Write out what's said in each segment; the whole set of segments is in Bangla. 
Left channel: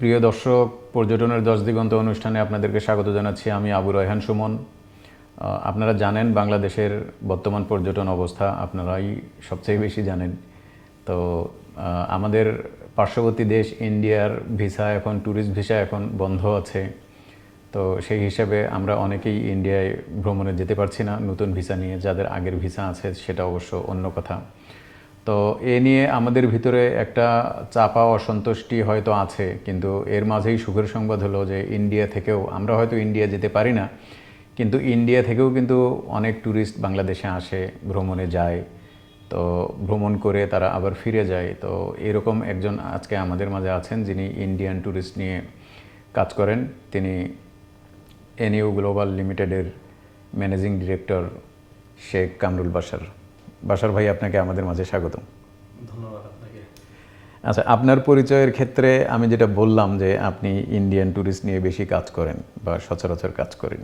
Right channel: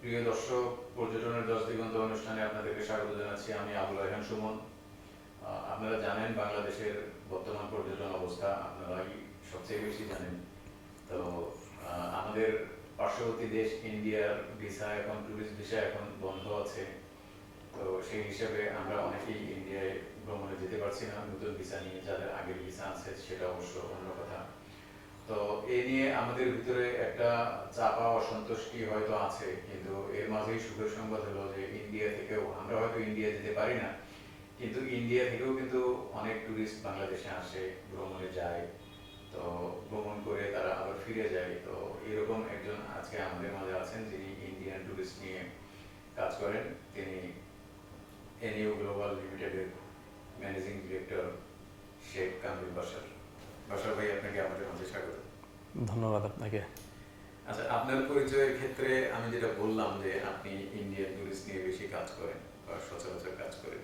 প্রিয় দর্শক, পর্যটনের 10 দিগন্ত অনুষ্ঠানে আপনাদেরকে স্বাগত জানাচ্ছি। আমি আবু রায়হান সুমন। আপনারা জানেন বাংলাদেশের বর্তমান পর্যটন অবস্থা আপনারাই সবচেয়ে বেশি জানেন। তো আমাদের পার্শ্ববর্তী দেশ ইন্ডিয়ার ভিসা এখন, ট্যুরিস্ট ভিসা এখন বন্ধ আছে। তো সেই হিসাবে আমরা অনেকেই ইন্ডিয়ায় ভ্রমণে যেতে পারছি না নতুন ভিসা নিয়ে। যাদের আগের ভিসা আছে সেটা অবশ্য অন্য কথা। তো এ নিয়ে আমাদের ভিতরে একটা চাপা অসন্তুষ্টি হয়তো আছে, কিন্তু এর মাঝেই সুখের সংবাদ হলো যে ইন্ডিয়া থেকেও, আমরা হয়তো ইন্ডিয়া যেতে পারি না, কিন্তু ইন্ডিয়া থেকেও কিন্তু অনেক ট্যুরিস্ট বাংলাদেশে আসে, ভ্রমণে যায়। তো ভ্রমণ করে তারা আবার ফিরে যায়। তো এরকম একজন আজকে আমাদের মাঝে আছেন যিনি ইন্ডিয়ান ট্যুরিস্ট নিয়ে কাজ করেন। তিনি এনইউ গ্লোবাল লিমিটেডের ম্যানেজিং ডিরেক্টর শেখ কামরুল বাশার। বাশার ভাই, আপনাকে আমাদের মাঝে স্বাগতম। ধন্যবাদ আপনাকে। আচ্ছা, আপনার পরিচয়ের ক্ষেত্রে আমি যেটা বললাম যে আপনি ইন্ডিয়ান ট্যুরিস্ট নিয়ে বেশি কাজ করেন বা সচরাচর কাজ করেন।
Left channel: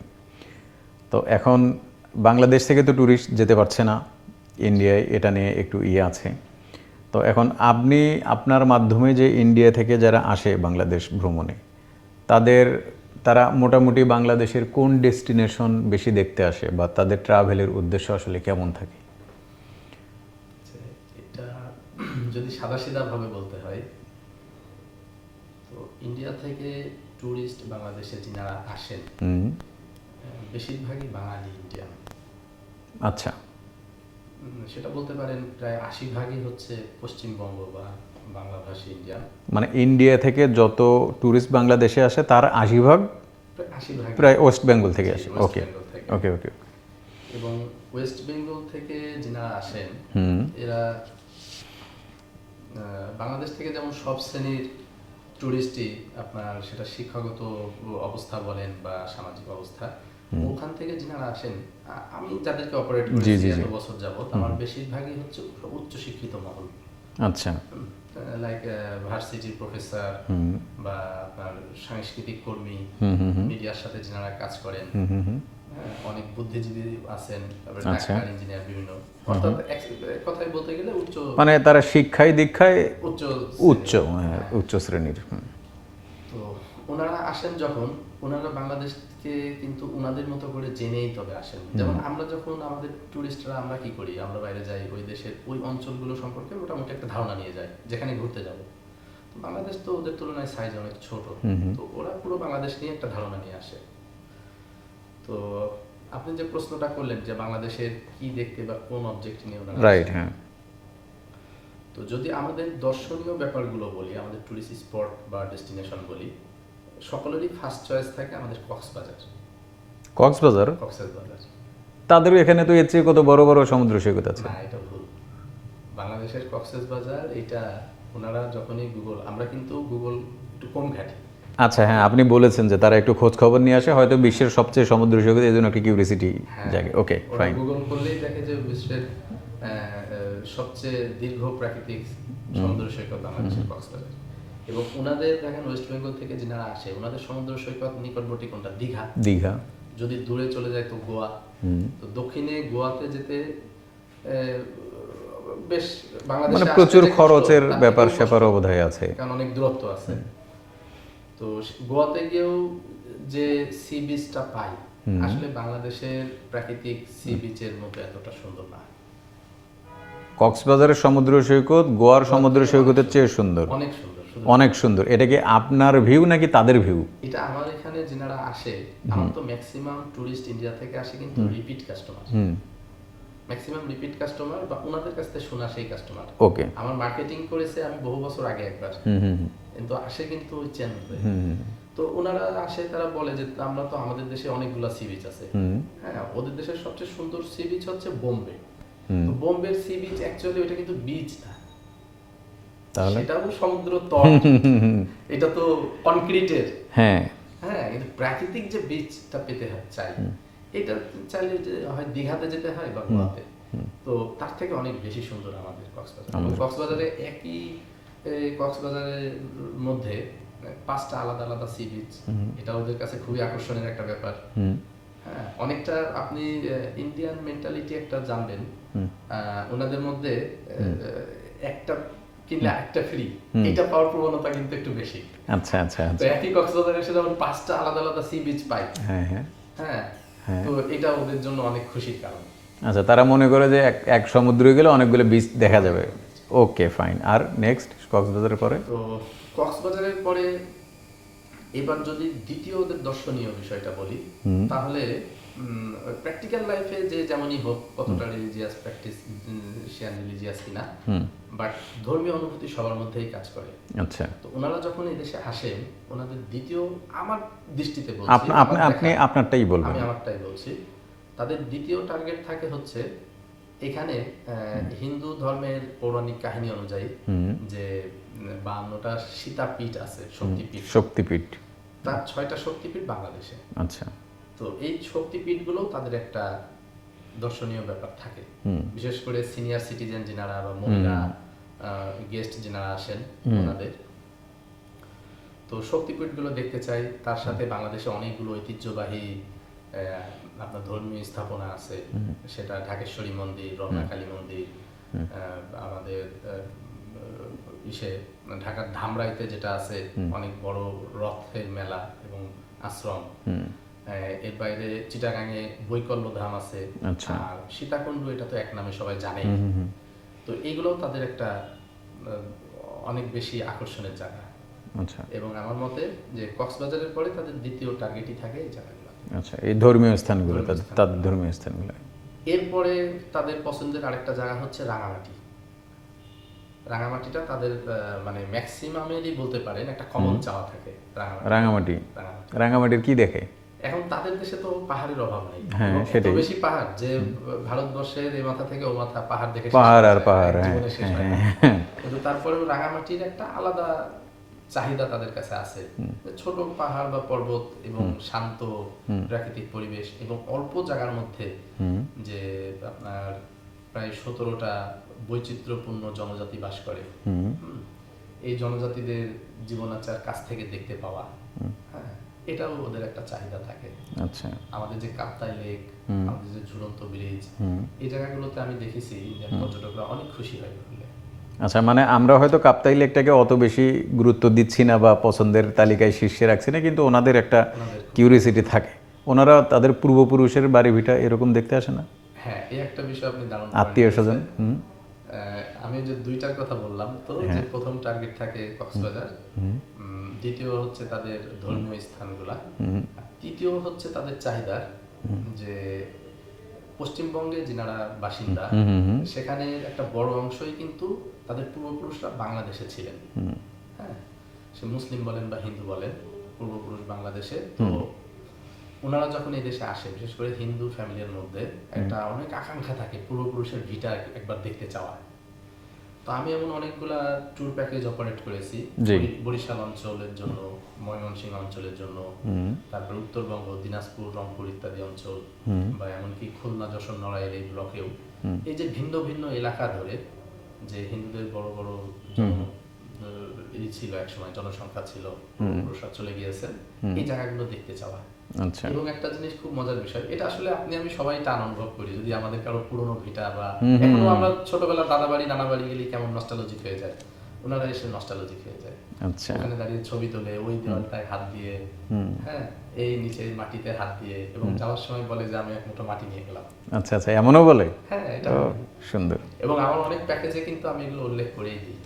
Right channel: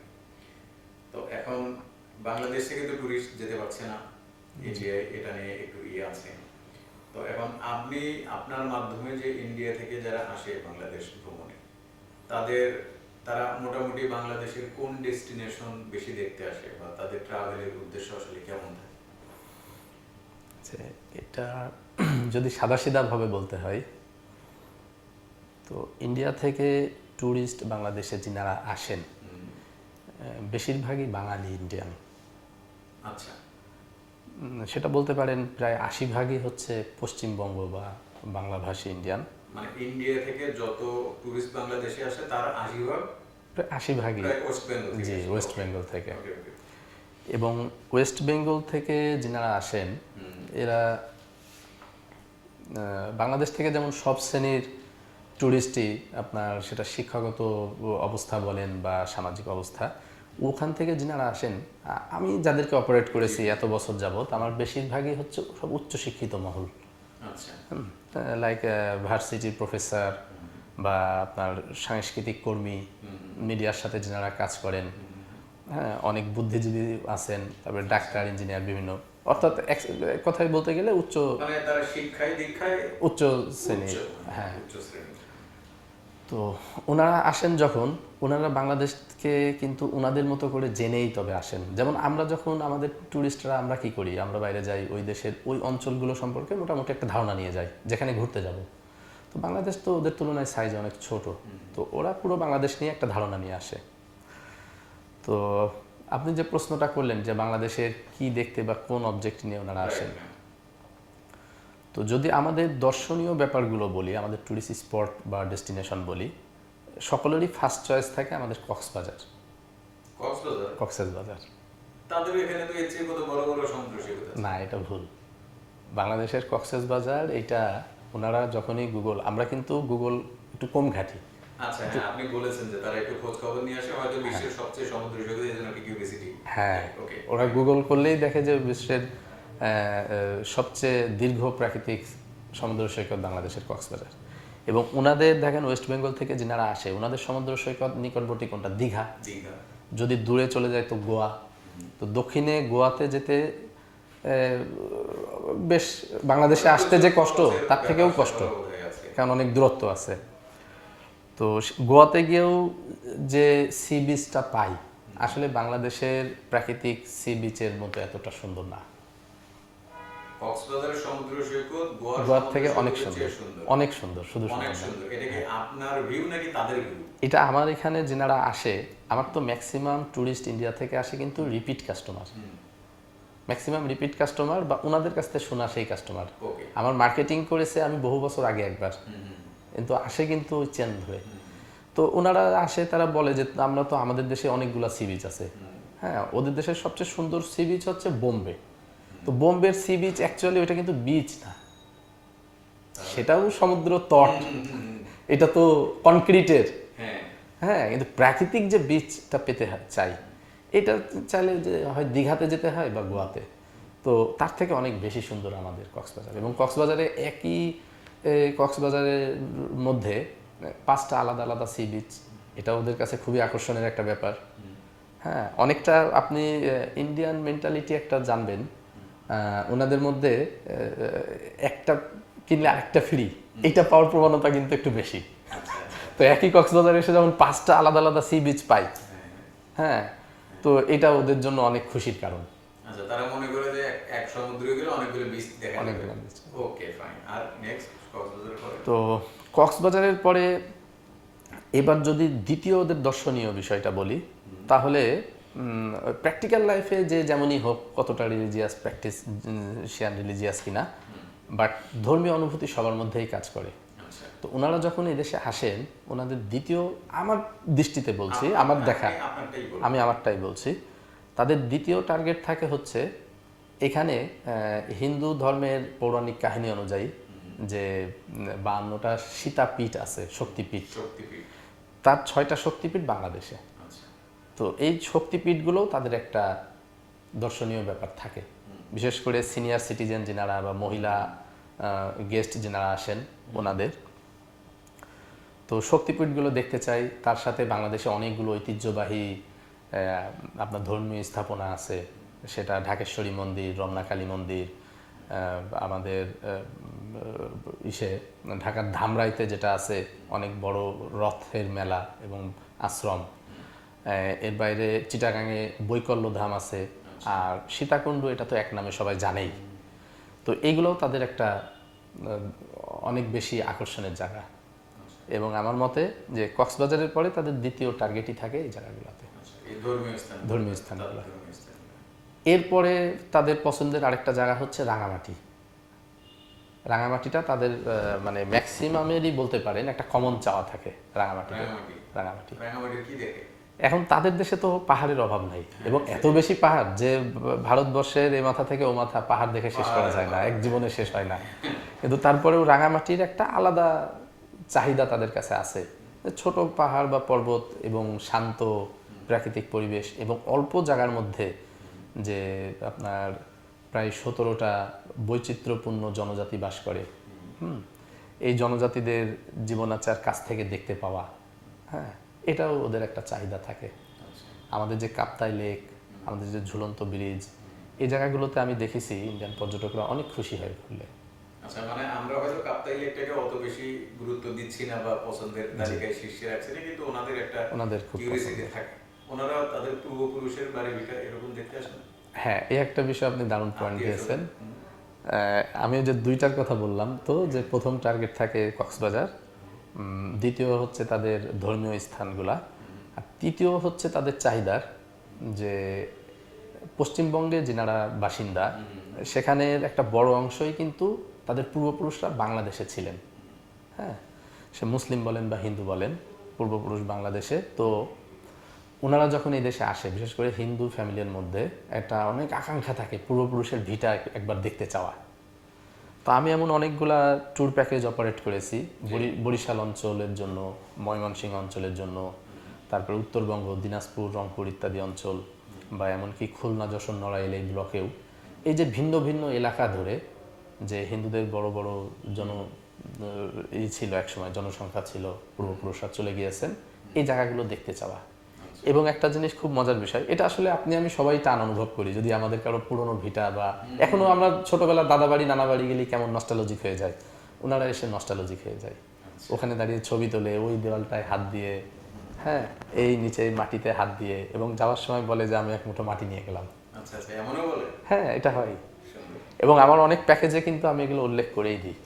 তো এখন বাংলাদেশ থেকে তো ট্যুরিস্ট যেতে পারছে না ইন্ডিয়ায়, এটা নিয়ে একটু আছে। তো এখন আপনি আপনার মাধ্যমে যে ইন্ডিয়া থেকে যারা আসে বাংলাদেশ ভ্রমণে, তারা মোটামুটি বাংলাদেশের কোন ডেস্টিনেশন বেশি দেখতে আসে বা তাদের ট্রাভেলের উদ্দেশ্য আসলে কেমন থাকে? যে এটা যদি সাদাসিধাভাবে বলতে হয়, তো ইন্ডিয়া থেকে ট্যুরিস্ট বাংলাদেশে যিনারা আসেন বেশিরভাগই বাঙালি ইন্ডিয়ান। আচ্ছা। সেটা বলতে পারেন প্রায় 80 ভাগই হচ্ছে পশ্চিমবঙ্গ বা বাংলাভাষী ইন্ডিয়ান। মানে ইন্ডিয়া থেকে যত ট্যুরিস্ট বাংলাদেশে আসে তার 80 ভাগ প্রায় 80 ভাগই প্রায় ওয়েস্ট বেঙ্গল থেকে আসে। ওয়েস্ট ওকে বেঙ্গল থেকে। ওকে ওকে। এবং ওয়েস্ট বেঙ্গল থেকে যিনারা আসেন এরা বাংলাদেশ থেকে যেমন সব শ্রেণীর ট্যুরিস্টই, আপনার সেটা শিক্ষাগত অবস্থা বলেন বা সামাজিক অবস্থা, ওখান থেকে যিনারা আসেন, আমি যাদেরকে অপারেট করেছি এত বছর যাবত, আমার বেশিরভাগই হচ্ছে সব উচ্চ শিক্ষিত মহল। আচ্ছা। লাইক ভার্সিটির প্রফেসর বা আপনার সাংস্কৃতিক কর্মী, মিডিয়ার সাথে যিনারা কাজ করেন, হ্যাঁ, অনেক বুদ্ধিজীবী আছেন, তারপরে ডাক্তার, ইঞ্জিনিয়ার, বিভিন্ন, অর্থাৎ এক কথায় বলতে গেলে উচ্চ, মানে তারা শিক্ষায় দীক্ষায় উচ্চ উচ্চ, উচ্চ শ্রেণীর। তো ওনারা আসেন যখন, ওনারা বাংলাদেশকে কিন্তু ওনাদের মতো করে জেনেই তবে আসেন। যেমন আমরা যখন আমাদের ট্যুরিস্টরা আমরা কি করি, আমরা বাইরে যাই, ওই দেশের ওই অঞ্চলগুলো সম্পর্কে মোটামুটি একটা ধারণা নিয়ে যাই যেখানে ঘুরতে যাব। তো বাংলাদেশ তো ওদের তুলনায় সাইজ অনেক ছোট, তো ওরা পুরো বাংলাদেশ নিয়ে একটা ধারণা নিয়ে আসে। তো আপনি যে প্রশ্নটা করলেন যে বাংলাদেশের কি দেখতে বা কোন অবজেক্ট নিয়ে ওনারা রাইট, আসেন, হ্যাঁ। তো যদি আমাদের দর্শনীয় ব্যাপারগুলো বলি, আমাদের ট্যুরিস্ট স্পট বা ডেস্টিনেশন বলি, সকলেরই ফার্স্ট চয়েস থাকে আমাদের কক্সবাজার। কক্সবাজার? কক্সবাজার তাদেরও এখানে তো এর চেয়ে কত বড় বড় সমুদ্র সৈকত আছে। না, এটা ভুল। বাংলাদেশের কক্সবাজার এটা, ওনারা যখনই গুগল, আমরা কিন্তু গুগল একটু কম ঘাঁটি। আচ্ছা, হ্যাঁ, আপনি বলেছেন যে তারা একটু খোঁজ খবর নিয়ে আসে, হয়তো বিশ্বের সবচেয়ে সমুদ্র সৈকত, এই জন্য একটা কিউরিসিটি জাগে। ওকে, ওরা গুগল করলেই দেখে যে বিশ্বের সবচেয়ে দীর্ঘ প্রাকৃতিক সমুদ্র সৈকত বাংলাদেশের কক্সবাজার। এবং ওনাদের দেখেন ওয়েস্ট বেঙ্গল থেকে যিনারা আসে, ওনাদের সমুদ্র সৈকত নিকটবর্তী কোনটা? দীঘা। দীঘা। যদি দূরে চলে যায় তো গোয়া। তো দক্ষিণে গোয়াতে যেতে বেশ বাংলাদেশে আসতে প্রচুর যে কষ্ট, খরচের তার ব্যাপার থেকেও কষ্ট, স্যাপারও বোধহয় আছে, কারণ অনেক দূরত্ব আছে। তো গোয়াতে গিয়েও যে সি বিচটা পাই, আসলে বাংলাদেশের প্রাকৃতিক সি বিচের মতো এতটা সুন্দর না। কক্সবাজারের সমুদ্র সৈকত গোয়ার সমুদ্র সৈকতের চেয়ে সুন্দর। অনেক সুন্দর, শুধু অনেক সুন্দর। এটা কি আপনার ভিউ নাকি তাদের ভিউ? এটা আমার এখানে যেনারা আসে, আমার তো ম্যাক্সিমাম ট্যুরিস্ট ইন্ডিয়া থেকে আসে কিন্তু repeat customer, maximum repeat customer বা ওনাদের কাছ থেকে শোনা সেই কাস্টমার। ওকে। আমার মার্কেটিং করেছে আমি বহু বছর আগে একবার, কিন্তু আসে কিন্তু ওই চ্যানেল করে। তো ওনারা আসে, তারা বলে যে আমরা তো, আমাদের দেশে অনেকগুলো সি বিচ আছে, হ্যাঁ, ওদের দেশের সবচেয়ে সুন্দর সি বিচ হচ্ছে বোম্বে। তো বোম্বের সি বিচ অ্যাকচুয়ালি ওইটা কিন্তু বিচ না, সেটাও সমুদ্র তট, এটা তো কনক্রিটের। হ্যাঁ হ্যাঁ, কিন্তু প্রাকৃতিক যে বিচটা পেতে চাই, এটা চাইলে যে হয় দীঘাতে যেতে হয় বা গোয়াতে, তো তার থেকে অনেক বেশি সুন্দর আমাদের কক্সবাজার। এবং কক্সবাজারে একই কক্সবাজারের মধ্যে 5টা আলাদা আলাদা সি বিচ, এটা ওদের কাছে খুবই আকর্ষণের একটা ব্যাপার। হ্যাঁ, অনেকটা আপনি ইন্ডিয়ান মেন্টালিটি একটা জানবেন, ওনাদের মধ্যে একটা কিনলে আরেকটা ফ্রি, এটা পাওয়ার প্রবণতা কিন্তু একটু বেশি। আচ্ছা আচ্ছা তো একই কক্সবাজারে এসে যেমন 5টা আলাদা আলাদা সি বিচ পাই, হ্যাঁ হ্যাঁ হ্যাঁ, তো এটা ওদের জন্য অনেক খুশির কারণ। আচ্ছা, তারা মনে করে যে এক সমুদ্রে গেলে অনেকগুলো বিচ দেখা যাবে। Okay fine. আর নেক্সট কক্সবাজারের পরে? তো কক্সবাজারের পরে এবার যদি দ্বিতীয় ওদের দর্শনীয় বিষয়টা বলি, তাহলে প্র্যাকটিক্যাল লাইফে যে যেমনই হোক, কতটা রিলিজিয়াস প্র্যাকটিস শিয়ান রিলিজিয়াস কিনা, বাট ধর্মীয় অনুভূতি সবার মধ্যেই কাজ করে। আচ্ছা, তো ওনারা যখন এদেশে আসেন, ওনাদের দ্বিতীয়, আমার দৃষ্টিতে বলছি, আপনি আপনারটাই বলুন। আমি আমারটাই বলছি, তাদের দ্বিতীয় টার্গেট থাকে হচ্ছে এখানে হিন্দু ধর্মের পৌরাণিক কাহিনী অনুযায়ী যে 52টা সীতাপীঠ আছে, শক্তিপীঠ, তার 6টা শক্তিপীঠ বাংলাদেশে। আচ্ছা, তো এই শক্তিপীঠগুলো তাদের একটা দর্শনীয় ব্যাপার থাকে, বিশেষ করে সিনিয়র সিটিজেন যিনারা বা মহিলা গেস্ট যিনারা আসেন ওনাদের। তো শক্তিপীঠগুলো দেখতে চাই, তার সাথে বাংলাদেশে অনেকগুলো ঐতিহ্যবাহী আপনার ধর্মীয় স্থাপনা আছে, সেটা ঢাকেশ্বরী মন্দির, রমনাকালী মন্দির, আমাদের ঢাকার ধামরাইতে যেটা আছে অনেক বড় রথের মেলা এবং আশ্রম, এর বাইরে চিটাগাঙে বৈকল্য ধাম আছে, আর সীতাকুণ্ড, এটা তো এক নামে সবাই জানেই। তো এইগুলোও তাদের একটা অনেক বেশি আকর্ষণের জায়গা। আচ্ছা, এবং আমার মতে যে কক্সবাজারের পরে তাদের দ্বিতীয় টার্গেটই থাকে এই জায়গাগুলোতে। আচ্ছা, এই ধর্মীয় স্থানগুলো, তাদের ধর্মীয় স্থানগুলো। এরপরে তাদের পছন্দের আরেকটা জায়গা হচ্ছে রাঙামাটি। রাঙামাটিটা তাদের মানে ম্যাক্সিমামেরই বলতে পারেন একটা কমন চাওয়া থাকে। রাঙামাটির কি দেখে? এখন তাদের দেশে তো পাহাড়ের অভাব নাই, এবং এত বেশি পাহাড় যে ভারতবর্ষের এই মাথা থেকে ও মাথা পাহাড় দেখে জীবনে শেষ হয় না। কিন্তু তারপরেও রাঙামাটির একটা আলাদা চাহিদা তাদের কাছে আছে, ছোট পাহাড় বা পর্বত এবং শান্ত প্রাকৃতিক পরিবেশ এবং অল্প জায়গার মধ্যে যে আপনার প্রায় 17টা বৈচিত্র্যপূর্ণ জনজাতি বাস করে, এই জনজাতিদের জীবনাচার কাছ থেকে দেখতে পাওয়া, হ্যাঁ, এটাও ওদের একটা চাহিদা থাকে। আচ্ছা, আমাদের যে কাপ্তাই লেক, আমাদের যে ঝুলন্ত ব্রিজ, এই জায়গাগুলোতে আমি দেখেছি ইন্ডিয়ান পর্যটকরা অনেক খুশি হয় ঘুরলে। আচ্ছা, মানে আমরা হয়তো কাপ্তাই লেকটাকে অত বেশি গুরুত্ব দিচ্ছি না বা পছন্দের তালিকায় শীর্ষে রাখছি না, কিন্তু ওনাদের একটা কিউরিয়াসিটি থাকে। ওনারা তাদের পূর্বপুরুষের বাড়ি ভিটা এরকম দেখতে আসে না? হ্যাঁ, এই একটা বিষয় আপনি দারুণ আত্মীয় স্বজন। আমি যে দুইটার কথা বললাম, তো যে প্রথম টার্গেট থাকে কক্সবাজার, দ্বিতীয় হচ্ছে তাদের ধর্মীয় স্থানগুলা, আর তৃতীয় হচ্ছে তাদের চাহিদার যে পশ্চিমবঙ্গে যিনারা বাসিন্দা, সেখানের একটা বড় অংশই কিন্তু তাদের পূর্বপুরুষরা বাংলাদেশে ছিলেন। হ্যাঁ, সে মুসলিম বলেন বা হিন্দু বলেন, পূর্বপুরুষ বাংলাদেশে। তো ওনারা যখন এই দেশে আসে, বিশেষ করে হিন্দু ফ্যামিলির মধ্যে একটা অনেক আকাঙ্ক্ষা থাকে পূর্বপুরুষের ভিটা একবার দেখতে চাওয়া। তো আমি এমন অনেকগুলা ট্যুর প্যাকেজ অপারেট করেছি বরিশাল অঞ্চলের জন্য, ময়মনসিংহ অঞ্চলের জন্য, তারপর উত্তরবঙ্গ, দিনাজপুর, রংপুর ইত্যাদি অঞ্চল, বা এমনকি খুলনা, যশোর, নড়াইল এই ব্লকেও। এই যে ভিন্ন ভিন্ন এলাকা ধরে যে হিন্দুদের বড় বড় ছিল, একসময় জনসংখ্যা ছিল, পূর্বপুরুষরা চলে গিয়েছেন, এই জায়গাগুলো দেখতে চাওয়া। এবং একটা জিনিস খুব মজার বিষয়, এটা আসলে আমি সবাই টান অনুভব করি, যদি আমাদের কারো পুরনো ভিটা বা এখনো আমরা ছোটবেলার দাদা বাড়ি, নানা বাড়ি গেলে কেমন নস্টালজিক হয়ে যায়, ওনারা এসে নস্টালজিক হয়ে যায়। ওখানে দাঁড়িয়ে ছবি তোলে, ওই দেওয়ালটায় হাত দিয়ে, হ্যাঁ, এই নিচে মাটিতে হাত দিয়ে, এবং যাওয়ার সময় বলে যে আমি এক মুঠো মাটি নিয়ে গেলাম। আচ্ছা আচ্ছা, এমনও বলে? হ্যাঁ, এটা হয়। সুন্দর। এবং আমার অনেক প্যাকেজে কিন্তু আমি এগুলো উল্লেখ করেই দিই।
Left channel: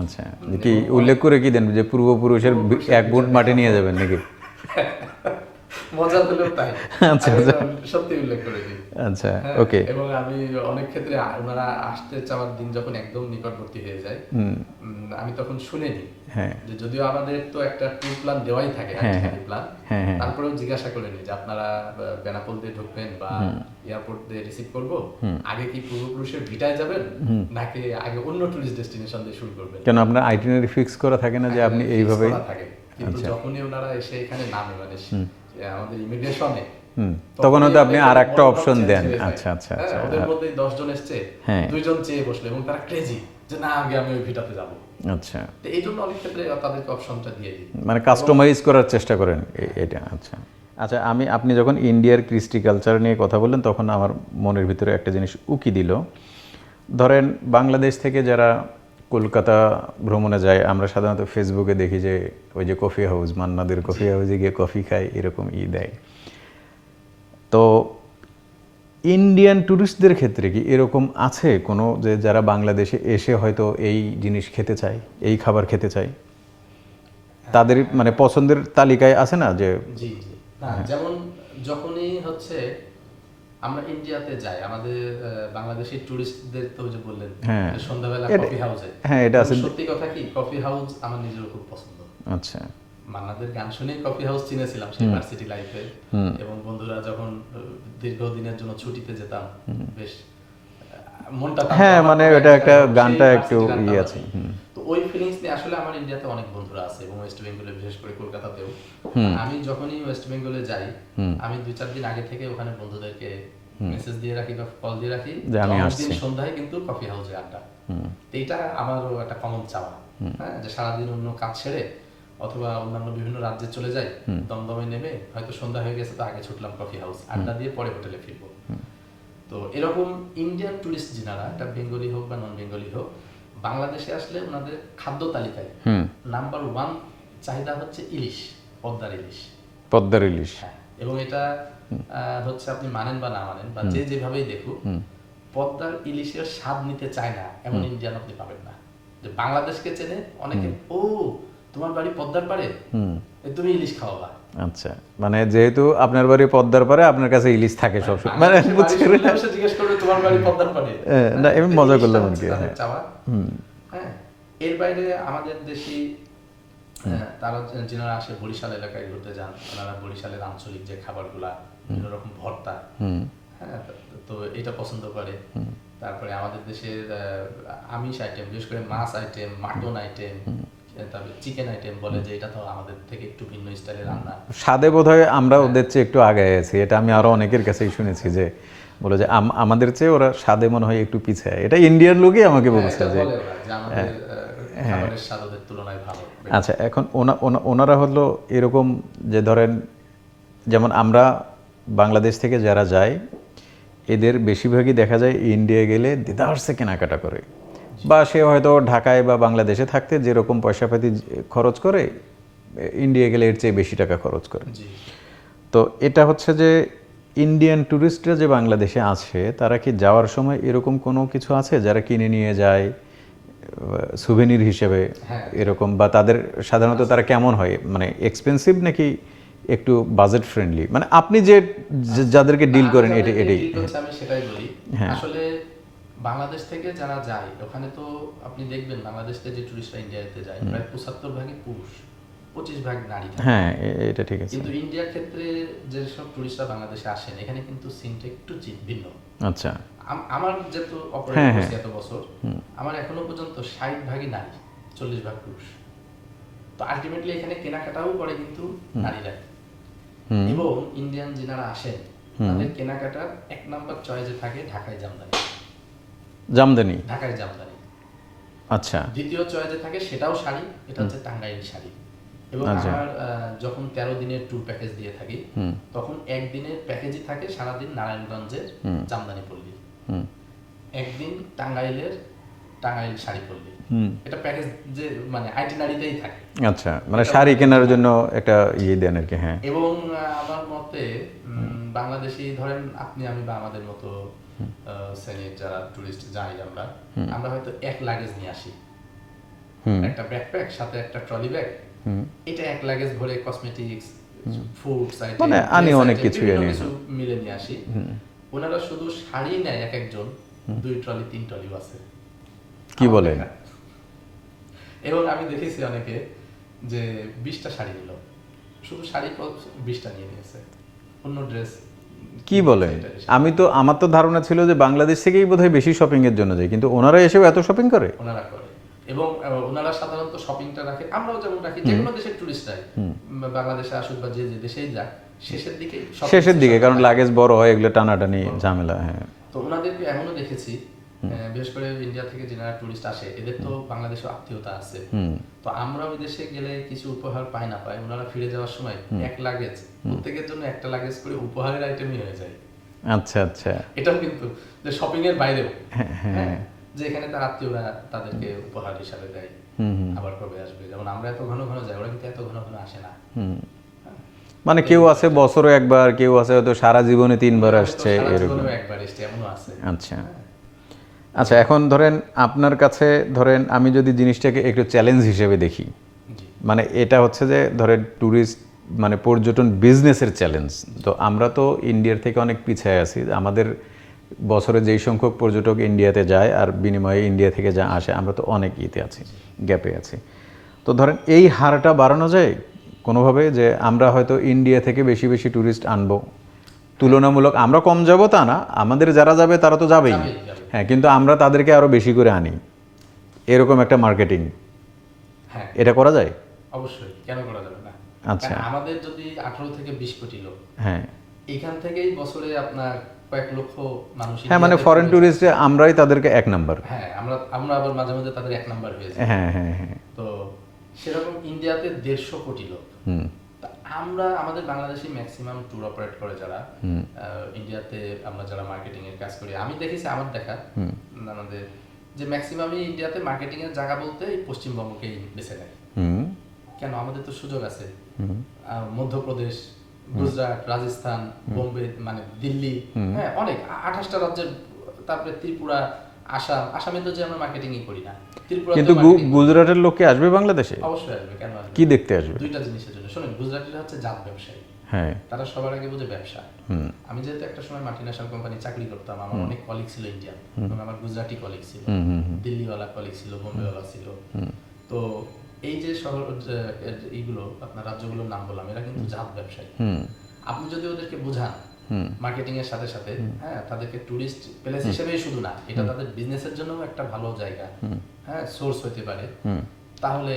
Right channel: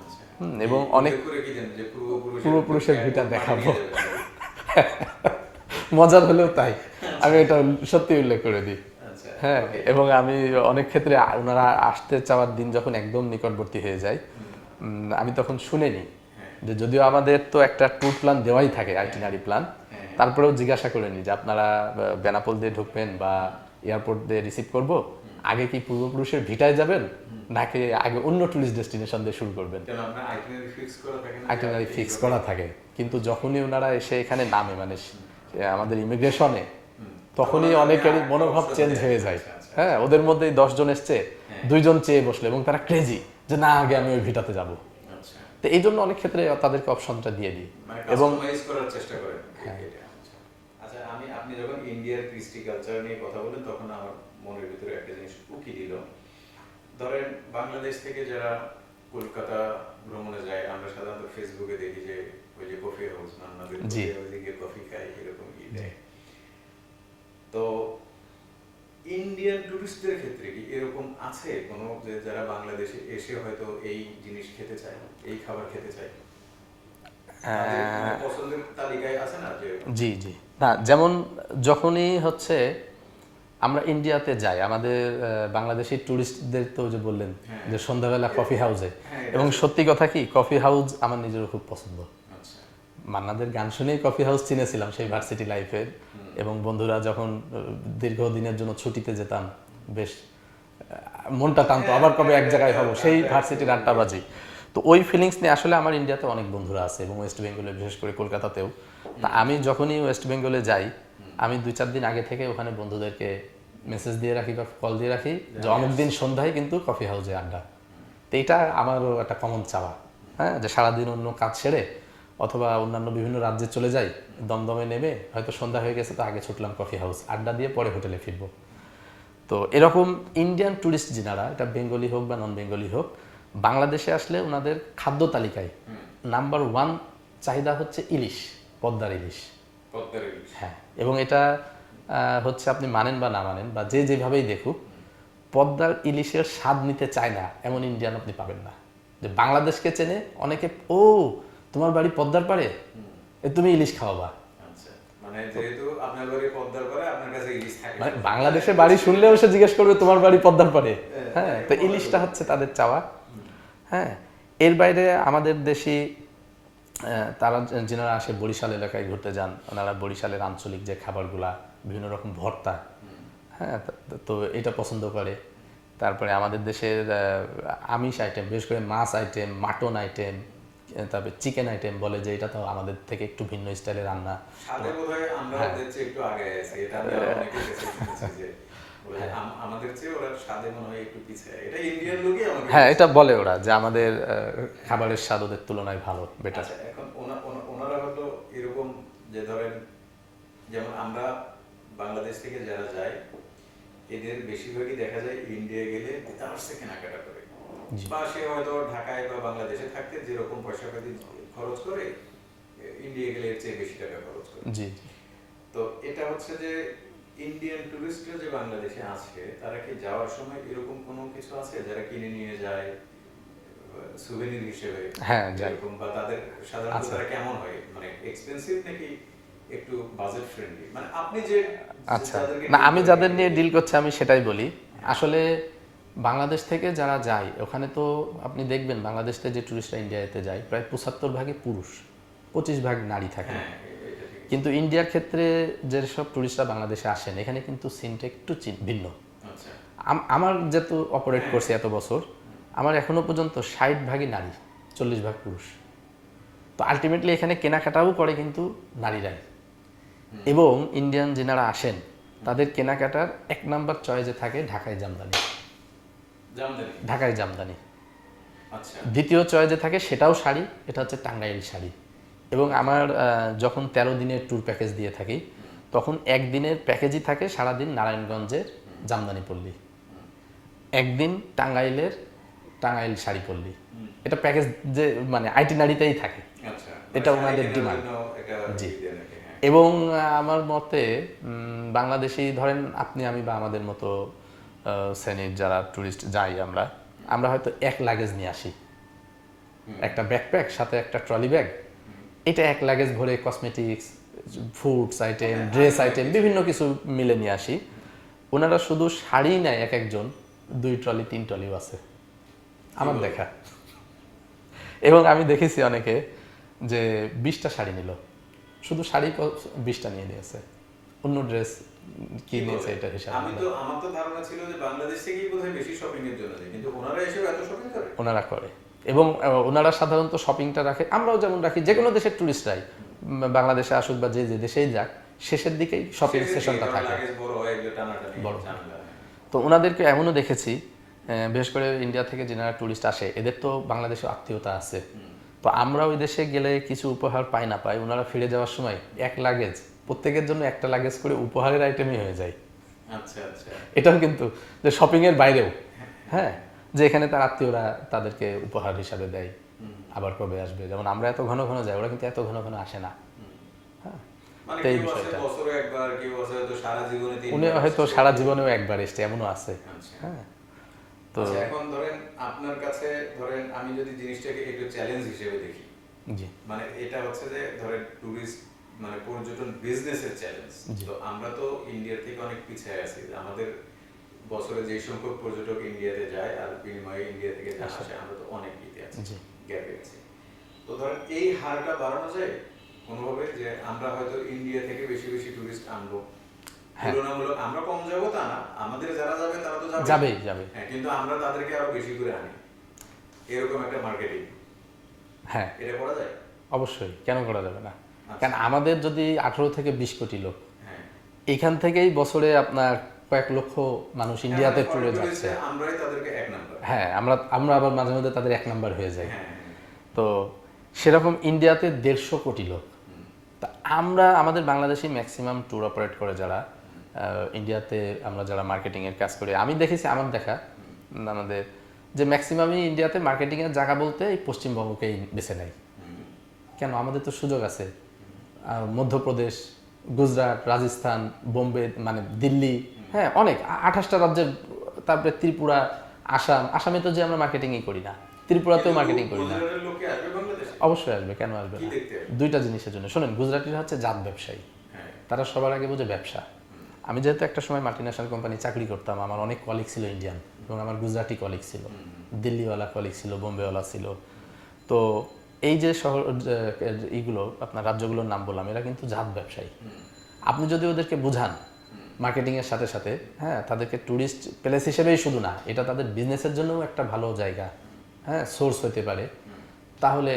আচ্ছা, কি উল্লেখ করে কি দেন যে পূর্বপুরুষের এক বুট মাটি নিয়ে যাবেন নাকি? মজার হলেও তাই, সত্যি উল্লেখ করে দিই। আচ্ছা, ওকে। এবং আমি অনেক ক্ষেত্রে ওনারা আসতে চাওয়ার দিন যখন একদম নিকটবর্তী হয়ে যায়, আমি তখন শুনে নিই যে যদিও আমাদের তো একটা ট্যুর প্ল্যান দেওয়াই থাকে, আইটিনারি প্ল্যান, তারপরেও জিজ্ঞাসা করে নিই যে আপনারা বেনাপোল দিয়ে ঢুকবেন বা এয়ারপোর্ট দিয়ে রিসিভ করব, আগে কি পূর্বপুরুষের ভিটায় যাবেন নাকি আগে অন্য টুরিস্ট ডেস্টিনেশন দিয়ে শুরু করবেন? কেন আপনার আইটিনারি ফিক্স করা থাকে না যে আপনি এইভাবে থাকে? কিন্তু যখনই ওনারা এসে এখানে নামে, মানে আমাদের ইমিগ্রেশনে, তখন তো আপনি আরেকটা অপশন দেন। আচ্ছা আচ্ছা, হ্যাঁ, ওদের মধ্যে 10 জন এসছে, 2 জন চেয়ে বসলো এবং তারা ক্রেজি যে না, আগে আমি ওই ভিটাতে যাব। আচ্ছা, তো এই জন্য অনেক ক্ষেত্রে তাদেরকে অপশনটা দিয়ে দিই, মানে কাস্টমাইজ করার চেষ্টা করেন এটা। আচ্ছা আচ্ছা, আপনি যখন ইন্ডিয়ার কৃষ্টি কালচার নিয়ে কথা বললেন, তখন আমার মনের ভিতরে একটা জিনিস উকি দিল। ধরেন বাংলাদেশ থেকে যারা কলকাতা ভ্রমণে যায় আমরা সাধারণত ফেসবুকে দেখি যে ওই যে কফি হাউস, মান্নাদের কফি হাউসে গিয়ে কফি খায়, এরকম দেয়। তো ইন্ডিয়ান ট্যুরিস্টদের ক্ষেত্রে কি এরকম আছে কোনো, যে যারা বাংলাদেশে এসে হয়তো এই জিনিস খেতে চায়, এই খাবার খেতে চায়, তাদের মানে পছন্দের তালিকায় আছে না যে? জি জি, না যেমন যখনই হচ্ছে আমরা ইন্ডিয়াতে যাই, আমাদের বাংলাদেশি ট্যুরিস্টদের তো যে বললেন যে সন্ধ্যাবেলা কফি হাউসে, হ্যাঁ এটা আছে। সত্যি কথা কি কফি হাউস আমার নিজেরও খুব পছন্দ। আচ্ছা, মান্নাদের গান শুনেই কফি হাউস চিনেছিলাম সেই ভার্সিটি লাইফে, এবং বন্ধুরা যখন দীর্ঘদিনের জন্য ছুটিতে যেতাম বেশ মনটা টানতো, হ্যাঁ, আবার মানে কবে এক এটা একটা জায়গায় যাবো, সেই গানটা একটু ভার্সিটির আড্ডাবাজি। আছে। তো ওই ফিলিংস নিয়ে আসলে আমার ইন্ডিয়াতে অনেক বন্ধুরা আছে, এবং ওয়েস্ট বেঙ্গলে বিশেষ করে কলকাতাতেও। তা আমি যখনই ওয়েস্ট বেঙ্গলে যাই, আমি 2-4 দিন আগে থেকে ওখানে বন্ধুদেরকে মেসেজ দিয়ে রাখি বা কল দিয়ে রাখি, যে আমি দিন সন্ধ্যায় কিন্তু কফি হাউসে আড্ডা। তো এইটা আমারও একটা কমন চাওয়া, হ্যাঁ, যে সারাদিন অন্য কাজ ছেড়ে অথবা অন্যান্য বিভিন্ন রাজ্যে চলে যাই, দমদমে নেমে হয়তো সন্ধ্যা হয়ে গেছে তো আগে ছুটলাম কফি হাউস, আড্ডা দিয়ে পরে হোটেলে ফিরবো। তো এরকম ইন্ডিয়ান ট্যুরিস্ট যিনারা, এটা বেঙ্গলি হোক বা নন বেঙ্গলি হোক, বাংলাদেশে আসলে ওনাদের খাদ্য তালিকায় নাম্বার 1 চাহিদা হচ্ছে ইলিশ, পদ্মার ইলিশ। পদ্মার ইলিশ, হ্যাঁ, এবং এটা হচ্ছে আপনি মানেন বা না মানেন বা যে যেভাবেই দেখুক, পদ্মার ইলিশের স্বাদ নিতে চায় না এমন ইন্ডিয়ান আপনি পাবেন না। যে বাংলাদেশকে চেনে অনেকে, ও তোমার বাড়ি পদ্মার পাড়ে, তুমি ইলিশ খাওয়াবা। আচ্ছা, মানে যেহেতু আপনার বাড়ি পদ্মার পারে, আপনার কাছে ইলিশ থাকে সব সময়। মানে বাংলাদেশে বাড়ি শুনলে অবশ্য জিজ্ঞেস করবে তোমার বাড়ি পদ্মার পাড়ে। না, এমনি মজা করলাম হচ্ছে তাদের চাওয়া। হ্যাঁ, এর বাইরে আমাদের দেশি তারা যিনারা আসে বরিশাল এলাকায় ঘুরতে যান, ওনারা বরিশালের আঞ্চলিক যে খাবারগুলা, বিভিন্ন রকম ভর্তা, হ্যাঁ, তো এটা পছন্দ করে। তারপরে আমাদের দেশের আমিষ আইটেম, বিশেষ করে মাছ আইটেম, মাটন আইটেম, তারপরে চিকেন আইটেম বলে যে এটা তো আমাদের থেকে একটু ভিন্ন স্টাইলে রান্না। স্বাদে বোধহয় আমরা ওদের চেয়ে একটু আগে আছি, এটা আমি আরো অনেকের কাছেই শুনেছি যে বলে যে আমাদের চেয়ে ওরা স্বাদে মনে হয় একটু পিছিয়ে। এটা ইন্ডিয়ান লোকই আমাকে হ্যাঁ, বলেছে এটা বলে ওরা যে আমাদের খাবারের স্বাদ ওদের তুলনায় ভালো। আচ্ছা, এখন ওনারা হলো এরকম যে ধরেন, যেমন আমরা বাংলাদেশ থেকে যারা যায়, এদের বেশিরভাগই দেখা যায় ইন্ডিয়া গেলে দেদারসে কেনাকাটা করে, বা সে হয়তো ঢাকায় বা বাংলাদেশে থাকতে যেরকম পয়সাপাতি খরচ করে, ইন্ডিয়া গেলে এর চেয়ে বেশি টাকা খরচ করে। জি, তো এটা হচ্ছে যে ইন্ডিয়ান ট্যুরিস্টরা যে বাংলাদেশে আছে, তারা কি যাওয়ার সময় এরকম কোনো কিছু আছে যারা কিনে নিয়ে যায় সুভেনির হিসেবে? হ্যাঁ, এরকম, বা তাদের সাধারণত তারা কেমন হয়, মানে এক্সপেন্সিভ নাকি একটু বাজেট ফ্রেন্ডলি? মানে আপনি যে যাদেরকে ডিল আমি করেন, যাদের নিয়ে ডিল করছি আমি সেটাই বলি। আসলে বাংলাদেশ থেকে যারা যায় ওখানে, তো আপনি দেখবেন বাংলাদেশ থেকে যে টুরিস্টরা ইন্ডিয়াতে যায় প্রায় 75 ভাগই পুরুষ, 25 ভাগ নারী থাকে। হ্যাঁ, এটা ঠিক আছে। কিন্তু ইন্ডিয়ার ক্ষেত্রে যেসব টুরিস্টরা বাংলাদেশে আসেন, এখানে কিন্তু সিনটা একটু ভিন্ন। আচ্ছা, আমার যেহেতু অপারেট করছে এত বছর, আমার এখনো পর্যন্ত 60 ভাগই নারী, 40 ভাগ পুরুষ। তো আলটিমেটলি এখানে কেনাকাটাও করে কিন্তু নারীরাই। এবং ইন্ডিয়ান যিনারা আসেন তাদের কেনাকাটার 1 নাম্বার চয়েসে থাকে ঢাকায় জামদানি। জামদানি, ঢাকায় জামদানি। আচ্ছা। দ্বিতীয় চয়েসে থাকে সেটাও শাড়ি, এটা হচ্ছে টাঙ্গাইল শাড়ি। এবং আমার যখন 13 দিনের ট্যুর প্যাকেজ দিয়ে থাকি, তখন একদিনের প্যাকেজই থাকে সারাদিন নারায়ণগঞ্জের জামদানি পল্লী, একদিন টাঙ্গাইল শাড়ি পল্লী। এটা প্যাকেজ যে মানে আইটিনারিতেই থাকে। আচ্ছা, মানে শাড়ি কেনার জন্য একটা দেন আর কি। হ্যাঁ, এবং আমার মতে বাংলাদেশি ধরেন আপনি আমি বা আমাদের মতো শ্রেণীর যারা টুরিস্ট যাই, আমরা হয়তো 1 লাগেজ নিয়ে আসি, একটা ব্যাকপ্যাক সাথে একটা ট্রলি ব্যাগ, এটা 1 লাগেজ ভরে কসমেটিক্স, ফুডস আইটেম, বিভিন্ন কিছু মিলে নিয়ে আসি। ওনারা শুধু শাড়ি নেয় একজন 2 ট্রলি 3 ট্রলিও আছে। কি বলে? এবং আমি দেখেছি অনেকে যে 20টা শাড়ি নিল, শুধু শাড়ি 20টা নিয়ে নিয়েছে, অন্য ড্রেস। কি বলে? আমার তো ধারণা ছিল যে বাংলাদেশ থেকেই বোধহয় বেশি শপিং এর জন্য যায়, কিন্তু ওনারা এসেও এত শপিং করে। ওনারা করে, এবং ওনারা সাধারণত শপিংটা রাখে, আমরাও যেমন রাখি, যে কোনো দেশের টুরিস্টরাই বাংলাদেশে আসুক বা যে দেশেই যাক, শেষের দিকে, কারণ লাগেজ বড় হয়, এগুলো টানাটানি ঝামেলা। হ্যাঁ, তো ওনাদেরকে এমনও দেখেছি, বিশেষ করে ইন্ডিয়া থেকে যারা টুরিস্ট আসে, এদের তো বাংলাদেশে আত্মীয়তা আছে। তো আমরা ওই দেশে গেলে কিছু উপহার পাই না পাই, ওনারা ফিরে যাওয়ার সময় 1 লাগেজ, প্রত্যেকের জন্য একটা লাগেজ করে উপহারের আইটেমই হয়ে যায়। আচ্ছা আচ্ছা, এটাও কিন্তু যে শপিং এর বাইরেও। হ্যাঁ, যে এখানে তার আত্মীয়রা তাদেরকে উপহার হিসাবে দেয়, আবার কবে আসবে। যেমন আমরা এত ঘন ঘন যাই, ওরা কিন্তু এত ঘন ঘন আসে না। মানে কেউ আছে বছরে একবার, কেউ আছে হয়তো সারা জীবনে 3 বার হয়তো আসছে। সারা জীবনেও একবার এসছে, এমনও আছে। আচ্ছা আচ্ছা, এখন ধরেন আপনার কাছে, ধরেন আমি যদি জিনিসটাকে একটু চ্যালেঞ্জ হিসেবে দেখি, জি মানে এটা হচ্ছে যে ধরেন ট্যুরিস্ট মানে পর্যটন বিজনেসের চ্যালেঞ্জ। তো আমরা তো ইন্ডিয়ার থেকে অনেক পিছিয়ে আছি। আমাদের বছরে যেই সংখ্যক পর্যটক ইন্ডিয়াতে যায় আর বিনিময়ে ইন্ডিয়া থেকে যা আসে, আমরা তো অনেক ইতে আছি, গ্যাপে আছি। তো ধরেন এই হারটা বাড়ানো যায় কোনোভাবে, যে আমরা হয়তো ইন্ডিয়া থেকে বেশি বেশি ট্যুরিস্ট আনবো, তুলনামূলক আমরা কম যাব তা না, আমাদের যারা যাবে তারা তো যাবেই, যাবেই, যাবে। হ্যাঁ, কিন্তু আমরা তাদেরকে আরো বেশি করে আনি, এরকম একটা মার্কেটিং, হ্যাঁ এটা করা যায়? অবশ্যই, কেন করা যাবে না? আচ্ছা। কারণ আমাদের যদি 18 থেকে 20 কোটি লোক, হ্যাঁ এখান থেকেই বছরে আপনার কয়েক লক্ষ মানুষ হ্যাঁ, মানে ইন্ডিয়াতে ফরেন চলে ট্যুরিস্টে আমরাই তাদেরকে 1 নাম্বার। যায়। হ্যাঁ, আমরা আবার মাঝে মধ্যে তাদের 1 নাম্বার হয়ে যাই। হ্যাঁ হ্যাঁ হ্যাঁ। তো সেরকম ইন্ডিয়াতে 150 কোটি লোক। তা আমরা আমাদের বাংলাদেশি ম্যাক্সিমাম ট্যুর অপারেট করে যারা ইন্ডিয়াতে, আমরা যারা মার্কেটিং এর কাজ করি, আমি দেখেছি আমার দেখা আমাদের যে ম্যাক্সিমামই ইন্ডিয়াতে মার্কেটিং এর জায়গা বলতে এই পশ্চিমবঙ্গকেই বেছে নেয়। কেন? আমাদের তো সুযোগ আছে। মধ্যপ্রদেশ, গুজরাট, রাজস্থান, বোম্বে, মানে দিল্লি, হ্যাঁ অনেক 28টা রাজ্যের, তারপরে ত্রিপুরা, আসামে তো যে আমরা মার্কেটিংই করি না, ত্রিপুরা কিন্তু তো মার্কেটিং গুজরাটের লোক কি আসবে বাংলাদেশে? অবশ্যই আসবে। কেন আসবে? কি দেখতে আসবে? দুইটা জিনিসের জন্য। শুনুন, গুজরাটিরা হচ্ছে জাত ব্যবসায়ী। হ্যাঁ তারা সবার আগে বোঝে ব্যবসা। আমি যেহেতু একটা সময় মাল্টিন্যাশনাল কোম্পানি চাকরি করতাম, আমার অনেক কলিগ ছিল ইন্ডিয়ান, এবং আমার গুজরাটি কলিগ ছিল, দিল্লিওয়ালা কলিগ ছিল, বোম্বেওয়ালা ছিল। তো এই যে শহর, এইগুলো আপনার রাজ্যগুলোর নাম বললাম, এরা কিন্তু জাত ব্যবসায়ী। আপনি যদি ওদেরকে বুঝান মার্কেটিং এর সাথে সাথে, হ্যাঁ, তাদেরকে টুরিস্ট প্লেস হিসেবেই শুধু না, এটা তাদের বিজনেসের জন্য একটা ভালো জায়গা, হ্যাঁ, সোর্স হতে পারে, তাহলে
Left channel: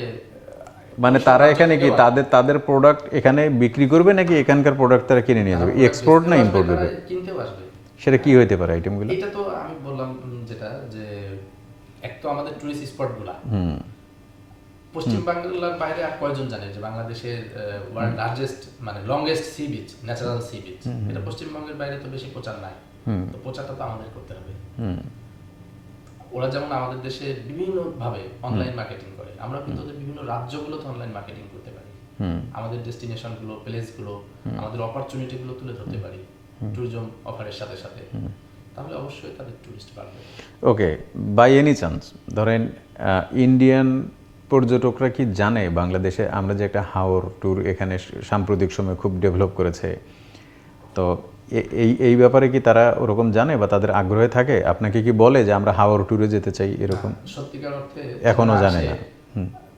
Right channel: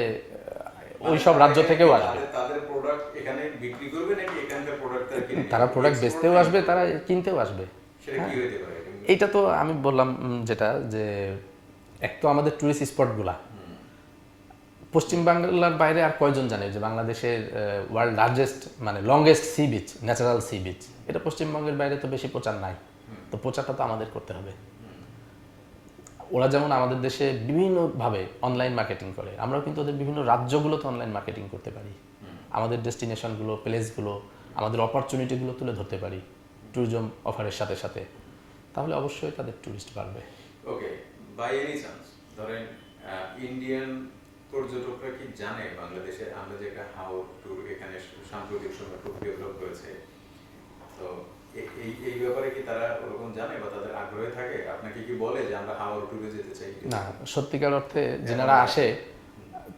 মানে তারা এখানে কি তাদের প্রোডাক্ট এখানে বিক্রি করবে, নাকি এখানকার প্রোডাক্ট তারা কিনে নিয়ে যাবে? এক্সপোর্ট না ইম্পোর্ট? তারা কিনতেও আসবে। সেটা কি হইতে পারে আইটেমগুলো? এটা তো আমি বললাম যেটা, যে এক তো আমাদের টুরিস্ট স্পটগুলা, পশ্চিম বাংলার বাইরে আর কয়জন জানে যে বাংলাদেশের ওয়ার্ল্ড লার্জেস্ট, মানে longest sea beach, natural sea beach, এটা পশ্চিমবঙ্গের বাইরে তো বেশি প্রচার নাই। তো প্রচারটা তো আমাদের করতে হবে। ওরা যেমন আমাদের দেশে বিভিন্ন ভাবে অনলাইন মার্কেটিং করে, আমরা কিন্তু ওদের বিভিন্ন রাজ্যগুলোতে অনলাইন মার্কেটিং করতে পারি। আমাদের ডেস্টিনেশন গুলো, প্লেস গুলো, আমাদের অপরচুনিটি গুলো তুলে ধরতে পারি ট্যুরিজম অফারের সাথে সাথে, তাহলে অবশ্যই তাদের টুরিস্ট বাড়বে। ওকে, বাই এনি চান্স ধরেন ইন্ডিয়ান পর্যটকরা কি জানে বাংলাদেশে আমরা যে একটা হাওর ট্যুর এখানে সাম্প্রতিক সময় খুব ডেভেলপ করেছে, তো এই ব্যাপারে কি তারা ওরকম জানে বা তাদের আগ্রহে থাকে? আপনাকে কি বলে যে আমরা হাওর ট্যুরে যেতে চাই এরকম? সত্যিকার অর্থে এখনো জানে না।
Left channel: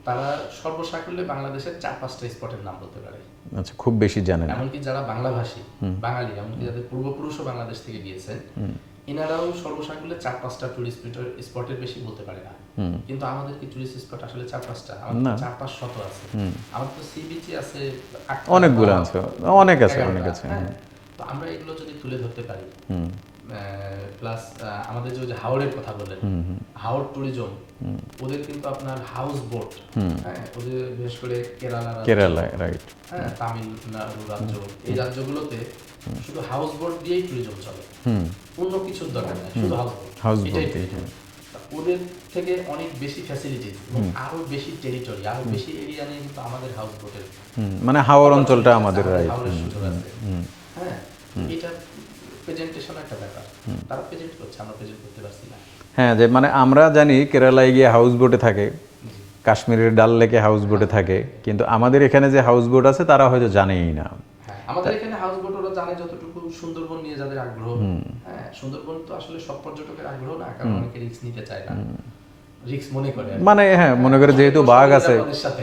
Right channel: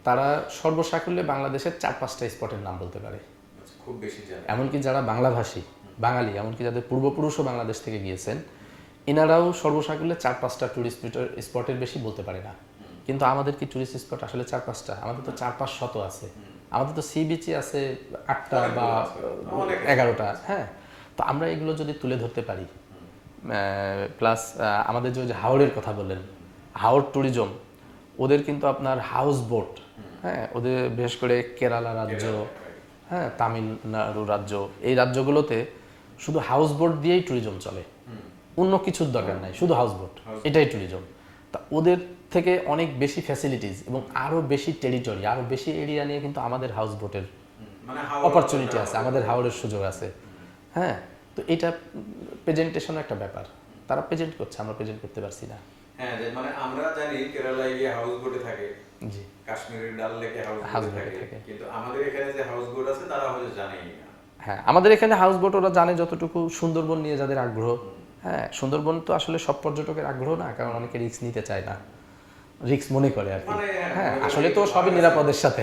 তারা সর্বসাকুল্যে বাংলাদেশের 4-5টা স্পটের নাম বলতে পারে। আচ্ছা, খুব বেশি জানেন? এমনকি যারা বাংলাভাষী, বাঙালি, এমনকি যাদের পূর্বপুরুষও বাংলাদেশ থেকে গিয়েছেন, এনারাও সর্বসাকুল্যে 4-5টা টুরিস্ট স্পটের বেশি বলতে পারে না। কিন্তু আমাদের কি টুরিস্ট স্পট আসলে 4-5টা? আমাদের তো 4-5 শত আছে। আমাদের তো সি বিচে আছে অনেকগুলো আছে, অনেক আছে। হ্যাঁ, তো আমরা এগুলো যদি তুলে ধরতে পারি, প্লাস আমাদের যে হাওড়ের কথা বললেন, হাওড় ট্যুরিজম, ওদের কিন্তু আপনার হাউস বোট, হ্যাঁ, ওদের বিশেষ করে কেরালা, রাইট, হ্যাঁ, তামিলনাড়ু রাজ্য, এই রাজ্যগুলোতে শুধু হাউস বোট দিয়েই ট্যুরিজম চলে, অন্য কিছুর দরকার নাই, শুধু হাউস বোট, এটাই ট্যুরিজম। ওদের থেকে অনেক বেশি ফ্যাসিলিটিস এবং আরো বেশি টেরিটরি, আরো বেশি এরিয়া নিয়ে কিন্তু আমাদের হাউস বোটের, মানে হাওর অঞ্চলটা আমাদের হাওরের সুযোগ আছে। হ্যাঁ, এটা প্রেজেন্টেশন একটা ব্যাপার, তারা প্রেজেন্ট করছে, আমরা প্রেজেন্ট করতে পারছি না। হ্যাঁ, যে মানে আমরা জানি কেরালায় গিয়ে হাউস বোটে থাকে, কাশ্মীরের ডাল লেকে হাউস বোটে থাকে, কিন্তু আমাদের এখানে যে হাউস বোট আছে তারা হয়তো জানেই না। হ্যাঁ, আমাদের এখানে হাউস বোট ওরা জানে যতটুকু, সুন্দরবন নিয়ে যাদের আগ্রহ, হ্যাঁ, সুন্দরবন তো আসলে সব পর্যটকের আগ্রহ না, কারণ অনেকে রিস্ক নিতে চায় না, রিস্ক মনে করে, মানে হ্যাঁ, মনে করে যেহেতু বাঘ আছে, সাথে,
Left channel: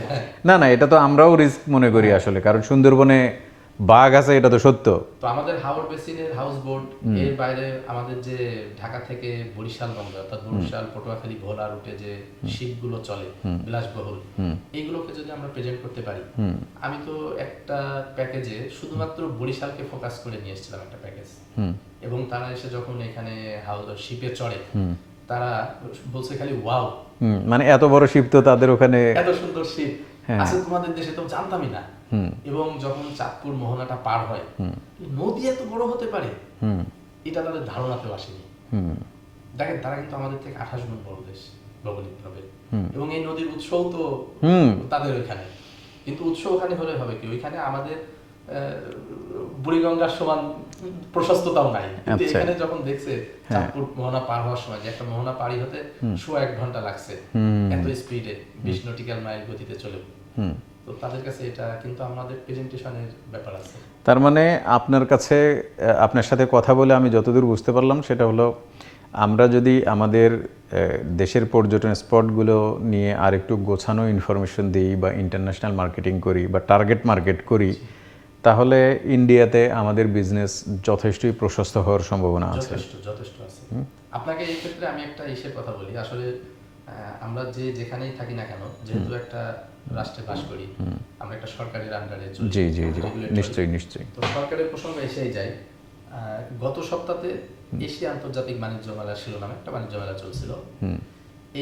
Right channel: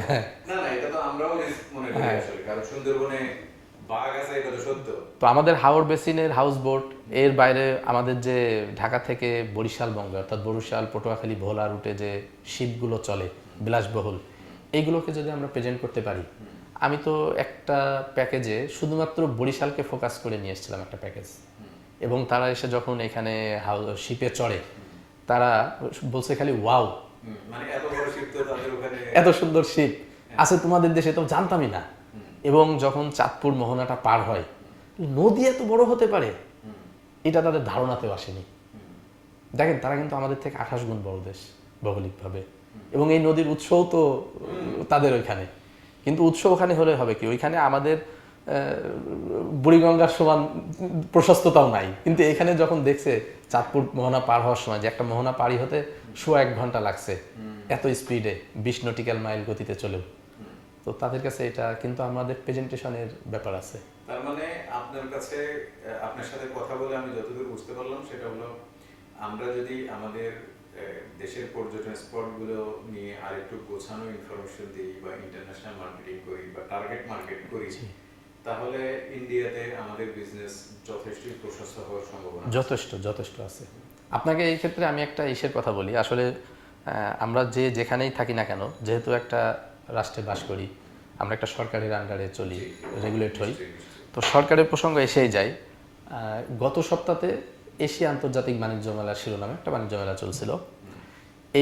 না না, এটা তো আমরাও রিস্ক মনে করি আসলে, কারণ সুন্দরবনে বাঘ আছে, এটা তো সত্য। তো আমাদের হাওর বেসিনের হাউস বোট, এর বাইরে আমাদের যে ঢাকা থেকে বরিশাল বন্দর, অর্থাৎ বরিশাল, পটুয়াখালী, ভোলা রুটে যে শিপগুলো চলে বিলাসবহুল, এইগুলোকে যদি আমরা প্রেজেন্ট করতে পারি, আমি তো একটা প্যাকেজে শুধুমাত্র বরিশালকে ফোকাস করে নিয়ে এসেছিলাম একটা প্যাকেজ, এবং তারা এসে যখন এখানে শিপে চড়ে, তারা বলছে খালি ওয়াও, মানে এত বড় শিপ তো তাদের ওখানে, এত সুন্দর শিপ আছে তোমাদের দেশে, তো জানতামই না। এবং যখন চাঁদপুর মোহনাটা পার হয়, নদী এত বড় হতে পারে, এটা তাদের ধারণাতেও আসেনি। দেখেন তারা কিন্তু আমাদের থেকে 28 গুণ বড় দেশ ভৌগোলিকভাবে, এবং এই নদীর উৎসও তো তাদের ওইখানে, কিন্তু উৎস ওখানে হলে হবে কি, ওইখানে আমাদের বুড়িগঙ্গার সমান প্রশস্ততাও নাই, কিন্তু এখানে যখন দেখছে চাঁদপুর মোহনা পার হওয়ার সময় যে একটা মোহনা পাড়ি হতে 1 ঘন্টা লাগছে এত স্পিডে 20 নটিক্যাল মাইল গতিতে চলেও, তো তাদের কাছে এটা কিন্তু আমাদের প্রেজেন্টেশনের ব্যাপার আছে। তার মানে আপনার কাছে আপনার সাথে কথা বলে আমি যতদূর বুঝতে পারলাম সেটা হলো, আমরা যদি আমাদের দেশের পর্যটন স্পটগুলো নিয়ে আর একটু গোছানো ইনফরমেশন দিই বা ইন্টারন্যাশনাল মার্কেটিং করি বা টার্গেট মার্কেট করি, তাহলে ইন্ডিয়াতে আমাদের বিজনেস যথেষ্টই প্রশস্ত হওয়ার সম্ভাবনা আছে। যথেষ্ট আছে। আপনাকে এই ক্ষেত্রে আমি একটা ইসের কথা বলি, আসলে আমরা যেখানেই থাকি না কেন, যেহেতু একটা রাষ্ট্রে বাস করি, আমরা একটা সরকারের আন্ডারে চলি, জি জি নিশ্চয়ই। তো সরকারের প্রসঙ্গ এসেই যায়। গত সপ্তাহে এশিয়া আন্তর্জাতিক বাণিজ্য মেলা শিরোনামে একটা বাণিজ্য মেলা চলছিল,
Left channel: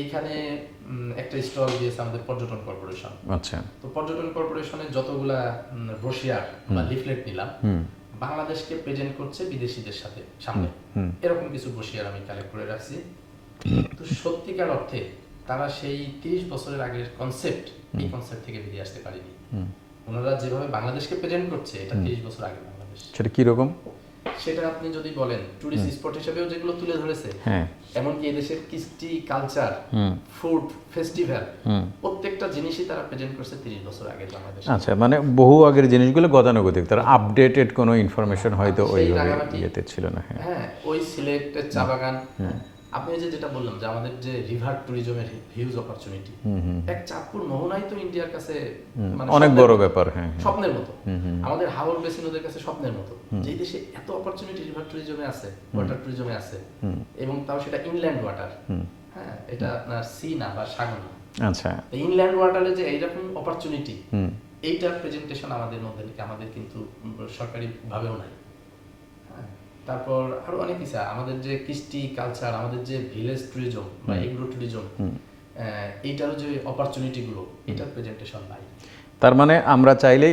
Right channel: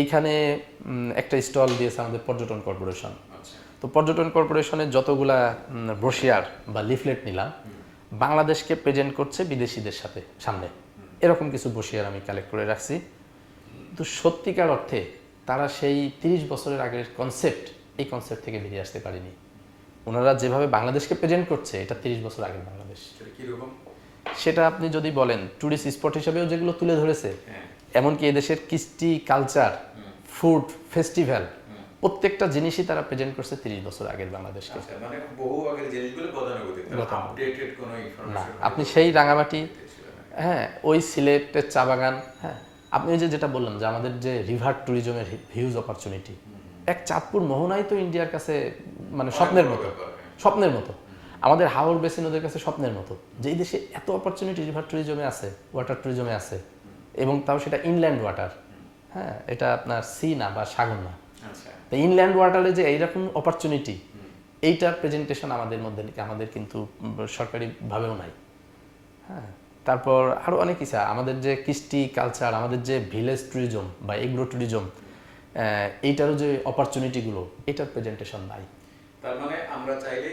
এইখানে একটা স্টল দিয়েছে আমাদের পর্যটন কর্পোরেশন। আচ্ছা, তো পর্যটন কর্পোরেশনের যতগুলা ব্রোশিয়ার বা লিফলেট নিলাম, বাংলাদেশকে প্রেজেন্ট করছে বিদেশিদের সামনে, এরকম কিছু ব্রোশিয়ার আমি কালেক্ট করে রাখছি। তো সত্যিকার অর্থে তারা সেই 30 বছরের আগের কনসেপ্ট, এই কনসেপ্ট থেকে বেরিয়ে আসতে পারেনি। ওনারা যেভাবে বাংলাদেশকে প্রেজেন্ট করছে, এটা 30 বছর আগের বাংলাদেশ। সেটা কি রকম? সেটা আপনি যদি বলেন টুরিস্ট স্পট হিসেবেও যেগুলো তুলে ধরেছে, এমনকি এদেশের কৃষ্টি, কালচার, ফুড, ফেস্টিভ্যাল, প্রত্যেকটা জিনিসই তারা প্রেজেন্ট করছে 30 বছর আগের বাংলাদেশ। আচ্ছা, মানে বহু আগের জিনিসগুলো গতানুগতিক, তারা আপডেটেড কোনো ইনফরমেশন হয়তো সেই রাঙামাটি ছিল না। হ্যাঁ, ওই সিলেটের চা বাগান, আপনি যেটা বললেন যে আমাদের যে রিভার ট্যুরিজমের হিউজ অপরচুনিটি, এক চাঁদপুর মোহনাই তো ইন্ডিয়ার কাছে মানে অনেক বড় ব্যাপার, হ্যাঁ, স্বপ্নের মতো। আমাদের হাওর বেসিন ওদের কাছে স্বপ্নের মতো, যে এই দেশে এত অপরচুনিটি রিভার ট্যুরিজমে আছে, ওয়াটার ট্যুরিজমে আছে, এবং তাও সেটা ইনল্যান্ড ওয়াটার। হ্যাঁ, এটা আপনার সি না বা সাগর না। আচ্ছা, ইনল্যান্ড ওয়াটারে যে এইরকম অপরচুনিটি, এইটার প্রেজেন্টেশন আমাদের মধ্যে আমাদের কিন্তু সরকারি ভাবেও নাই। হ্যাঁ, তারপর আরো অনেক কিছু, আমাদের যে কৃষ্টি, কালচার, আমাদের যে ভিলেজ ট্যুরিজম বা এগ্রো ট্যুরিজম, এইটারও যে অপরচুনিটি গুলো, এটার প্রেজেন্টেশন নাই। তার মানে আমরা চাইলে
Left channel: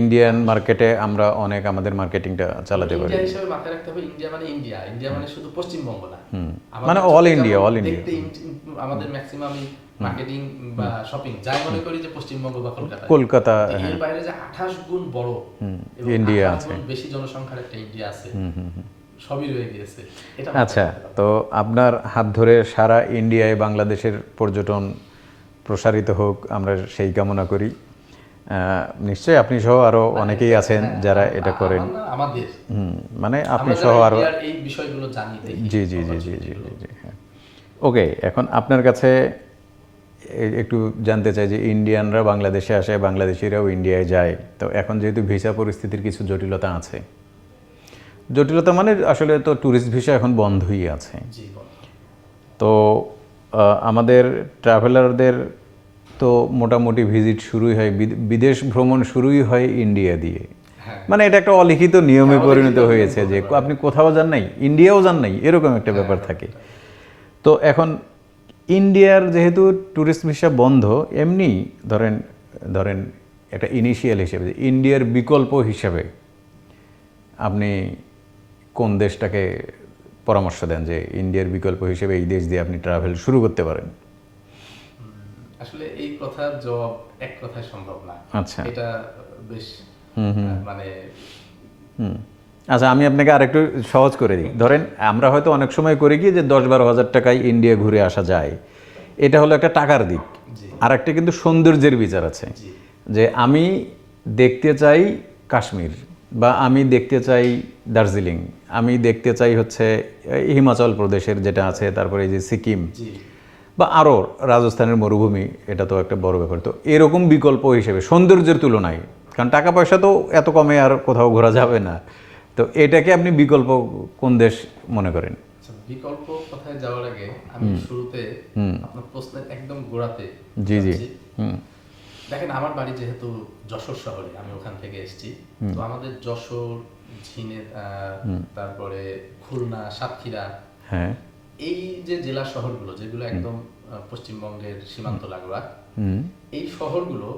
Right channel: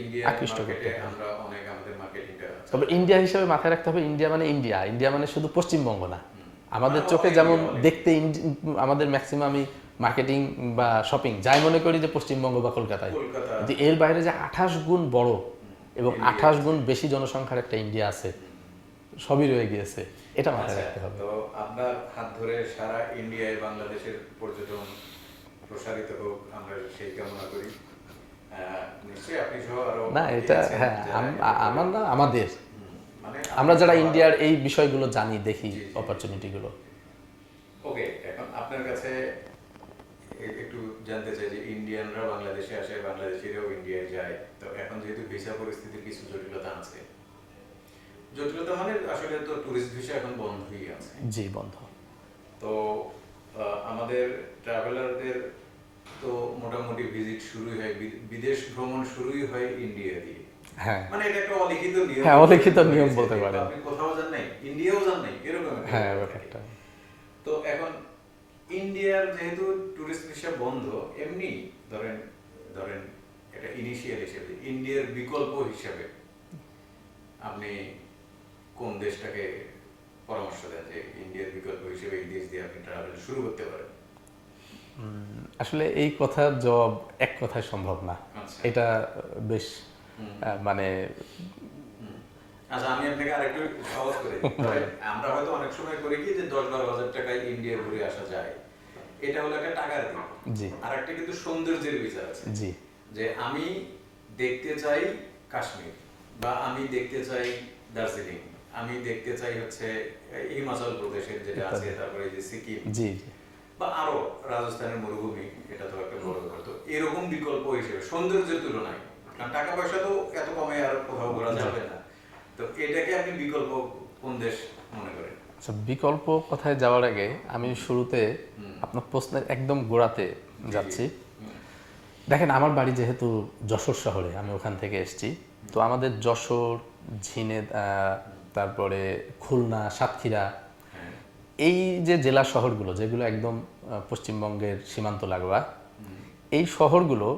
ইন্ডিয়ান মার্কেটে আমরা অনেক আমাদের মার্কেটিংটা চালাতে পারি। ইন্ডিয়া হিসেবে মাথায় রাখতে হবে, ইন্ডিয়া মানে ইন্ডিয়া মানে শুধু পশ্চিমবঙ্গ না, মানে অল ইন্ডিয়া। দেখতে আমাদের ম্যাক্সিমাম মার্কেটিং বা শপিং যাই মনে করি যে পশ্চিমবঙ্গ বা কলকাতা, এর বাইরে যে 28 গুণ বড় এবং 28 গুণ বেশি জনসংখ্যার একটা ইন্ডিয়া আছে, সবই রয়ে গিয়েছে এটা। আচ্ছা, তো আপনার হাত ধরে সারা ইন্ডিয়ায় বাংলাদেশের পর্যটন প্রসারিত হোক, আমরা সেই কামনা করি। নিশ্চয়ই আপনি সহ আরো অনেকেই আছেন যারা এটা করেন, আমাদের মানে আপনি সহ আরো এই বিষয়গুলো জানি, দেখি। জি। হ্যাঁ, ওকে, এখন আপনার কাছে একটু জানতে চাই যে ইন্ডিয়ানরা বাংলাদেশে আসে, বাংলাদেশিরাও ইন্ডিয়ায় যায়, তো এখন যেহেতু ভিসা পরিস্থিতির কিছু জটিলতা আছে, জটিলতা মানে আসলে তো ট্যুরিস্ট ভিসা এখন বন্ধই আছে। জি, বন্ধ। তো আমাদের ট্রাভেলারদের তো মোটামুটি ভিজিট শুরুই হয়, বিদেশ ভ্রমণ শুরুই হয় ইন্ডিয়া দিয়ে। মানে এটা একটা অলিখিত নিয়মে পরিণত হয়েছে যে আপনি কোথাও যান নাই, ইন্ডিয়াও যান নাই, এরকম একটা ব্যাপার থাকে। তো এখন ইন্ডিয়ার যেহেতু ট্যুরিস্ট ভিসা বন্ধ, এমনি ধরেন একটা ইনিশিয়াল হিসেবে ইন্ডিয়ার বিকল্প হিসেবে আপনি কোন দেশটাকে পরামর্শ দেন যে ইন্ডিয়ার বিকল্প হিসেবে এই দেশ দিয়ে আপনি ট্রাভেল শুরু করতে পারেন? আসলে এই কথার জবাব এক কথায় সম্ভব না। আচ্ছা, এটা বেশ মানে আচ্ছা, আমি আপনাকে আরেকটু সহজ করে দিই। ধরেন আমরা হয়তো অনেক সময় করি কি যে 10-12 হাজার টাকায় ইন্ডিয়া ঘুরে আসা যায়, এটা হলো একটা টাকার দিক। আর একটা কিন্তু সৌন্দর্যের বিচার আছে, যে আমি দেখতে চাই কাশ্মীর, বা আমি দেখতে চাই দার্জিলিং, আমি দেখতে চাই হচ্ছে হিমাচল প্রদেশের যেটা আছে, তারপরে এই যে সিকিম বা আরও রাজস্থানের মরুভূমি, এটা তো একটা বড় ব্যাপার। তো এরকম বিকল্প হিসেবে সৌন্দর্যের তুলনায়, কারণ টাকা পয়সা তো এত কমে আর কোথাও ঘোরা যাবে না, তো এটাকে আপনি বিকল্প কোন দেশ মনে করেন? বিকল্প কথায় যাওয়ার আগে আমি শুরুতে আপনার প্রশ্নের একদম গোড়াতে যাচ্ছি। দেখেন, আমার বাড়ি যেহেতু যশোর শহরে, আমি ওখান থেকে এসেছি, তো আমাদের যশোর, ঝিনাইদহ, তারপরে খুলনা, সাতক্ষীরা, হ্যাঁ, এই যে জেলা শহরগুলো যেগুলো একদম পশ্চিমবঙ্গের সীমান্ত লাগোয়া, এই শহরগুলো,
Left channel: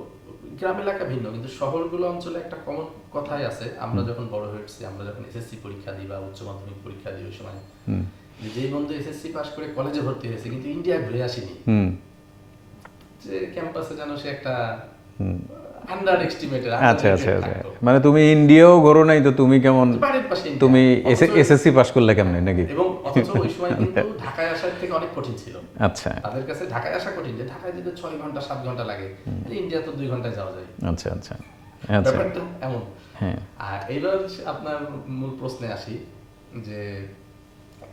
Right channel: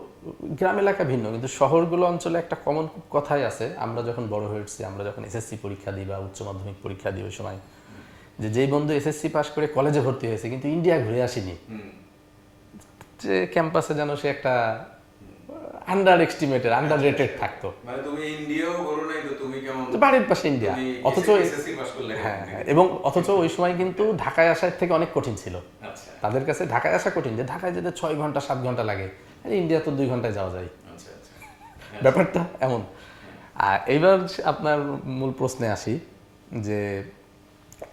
গ্রাম এলাকা ভিন্ন, কিন্তু শহরগুলো অঞ্চলে একটা কমন কথাই আছে। আমরা যখন বড় হয়েছি, আমরা যখন এসএসসি পরীক্ষা দিই বা উচ্চ মাধ্যমিক পরীক্ষা দিই, ওই সময় যে যেই বন্ধু এসএসসি পাস করে কলেজে ভর্তি হয়েছে কিন্তু ইন্ডিয়া ঘুরে আসেনি, যে ক্যাম্পাসে যেন সে একটা আন্ডার এস্টিমেটেড আন্ডার আচ্ছা রেটেড আচ্ছা থাকতো। মানে তুমি ইন্ডিয়াও ঘোরো নাই তো তুমি কেমন, বাড়ির পাশে ইন্ডিয়া, তুমি অথচ- এসএসসি পাস করলে কেমন নাকি? এবং অথচ ওই সময় কিন্তু ঢাকায় আসার থেকে অনেক কঠিন ছিল। আচ্ছা তাদের কাছে ঢাকায় আসা কঠিন, যে ঢাকায় যেতে 6 ঘন্টা 7 ঘন্টা লাগে, ইন্ডিয়া তো 2 ঘন্টায় যাওয়া যায়। আচ্ছা আচ্ছা ব্যাপারটা এমন। হ্যাঁ। আর এইবার আপনার মূল প্রশ্নে আসি, যে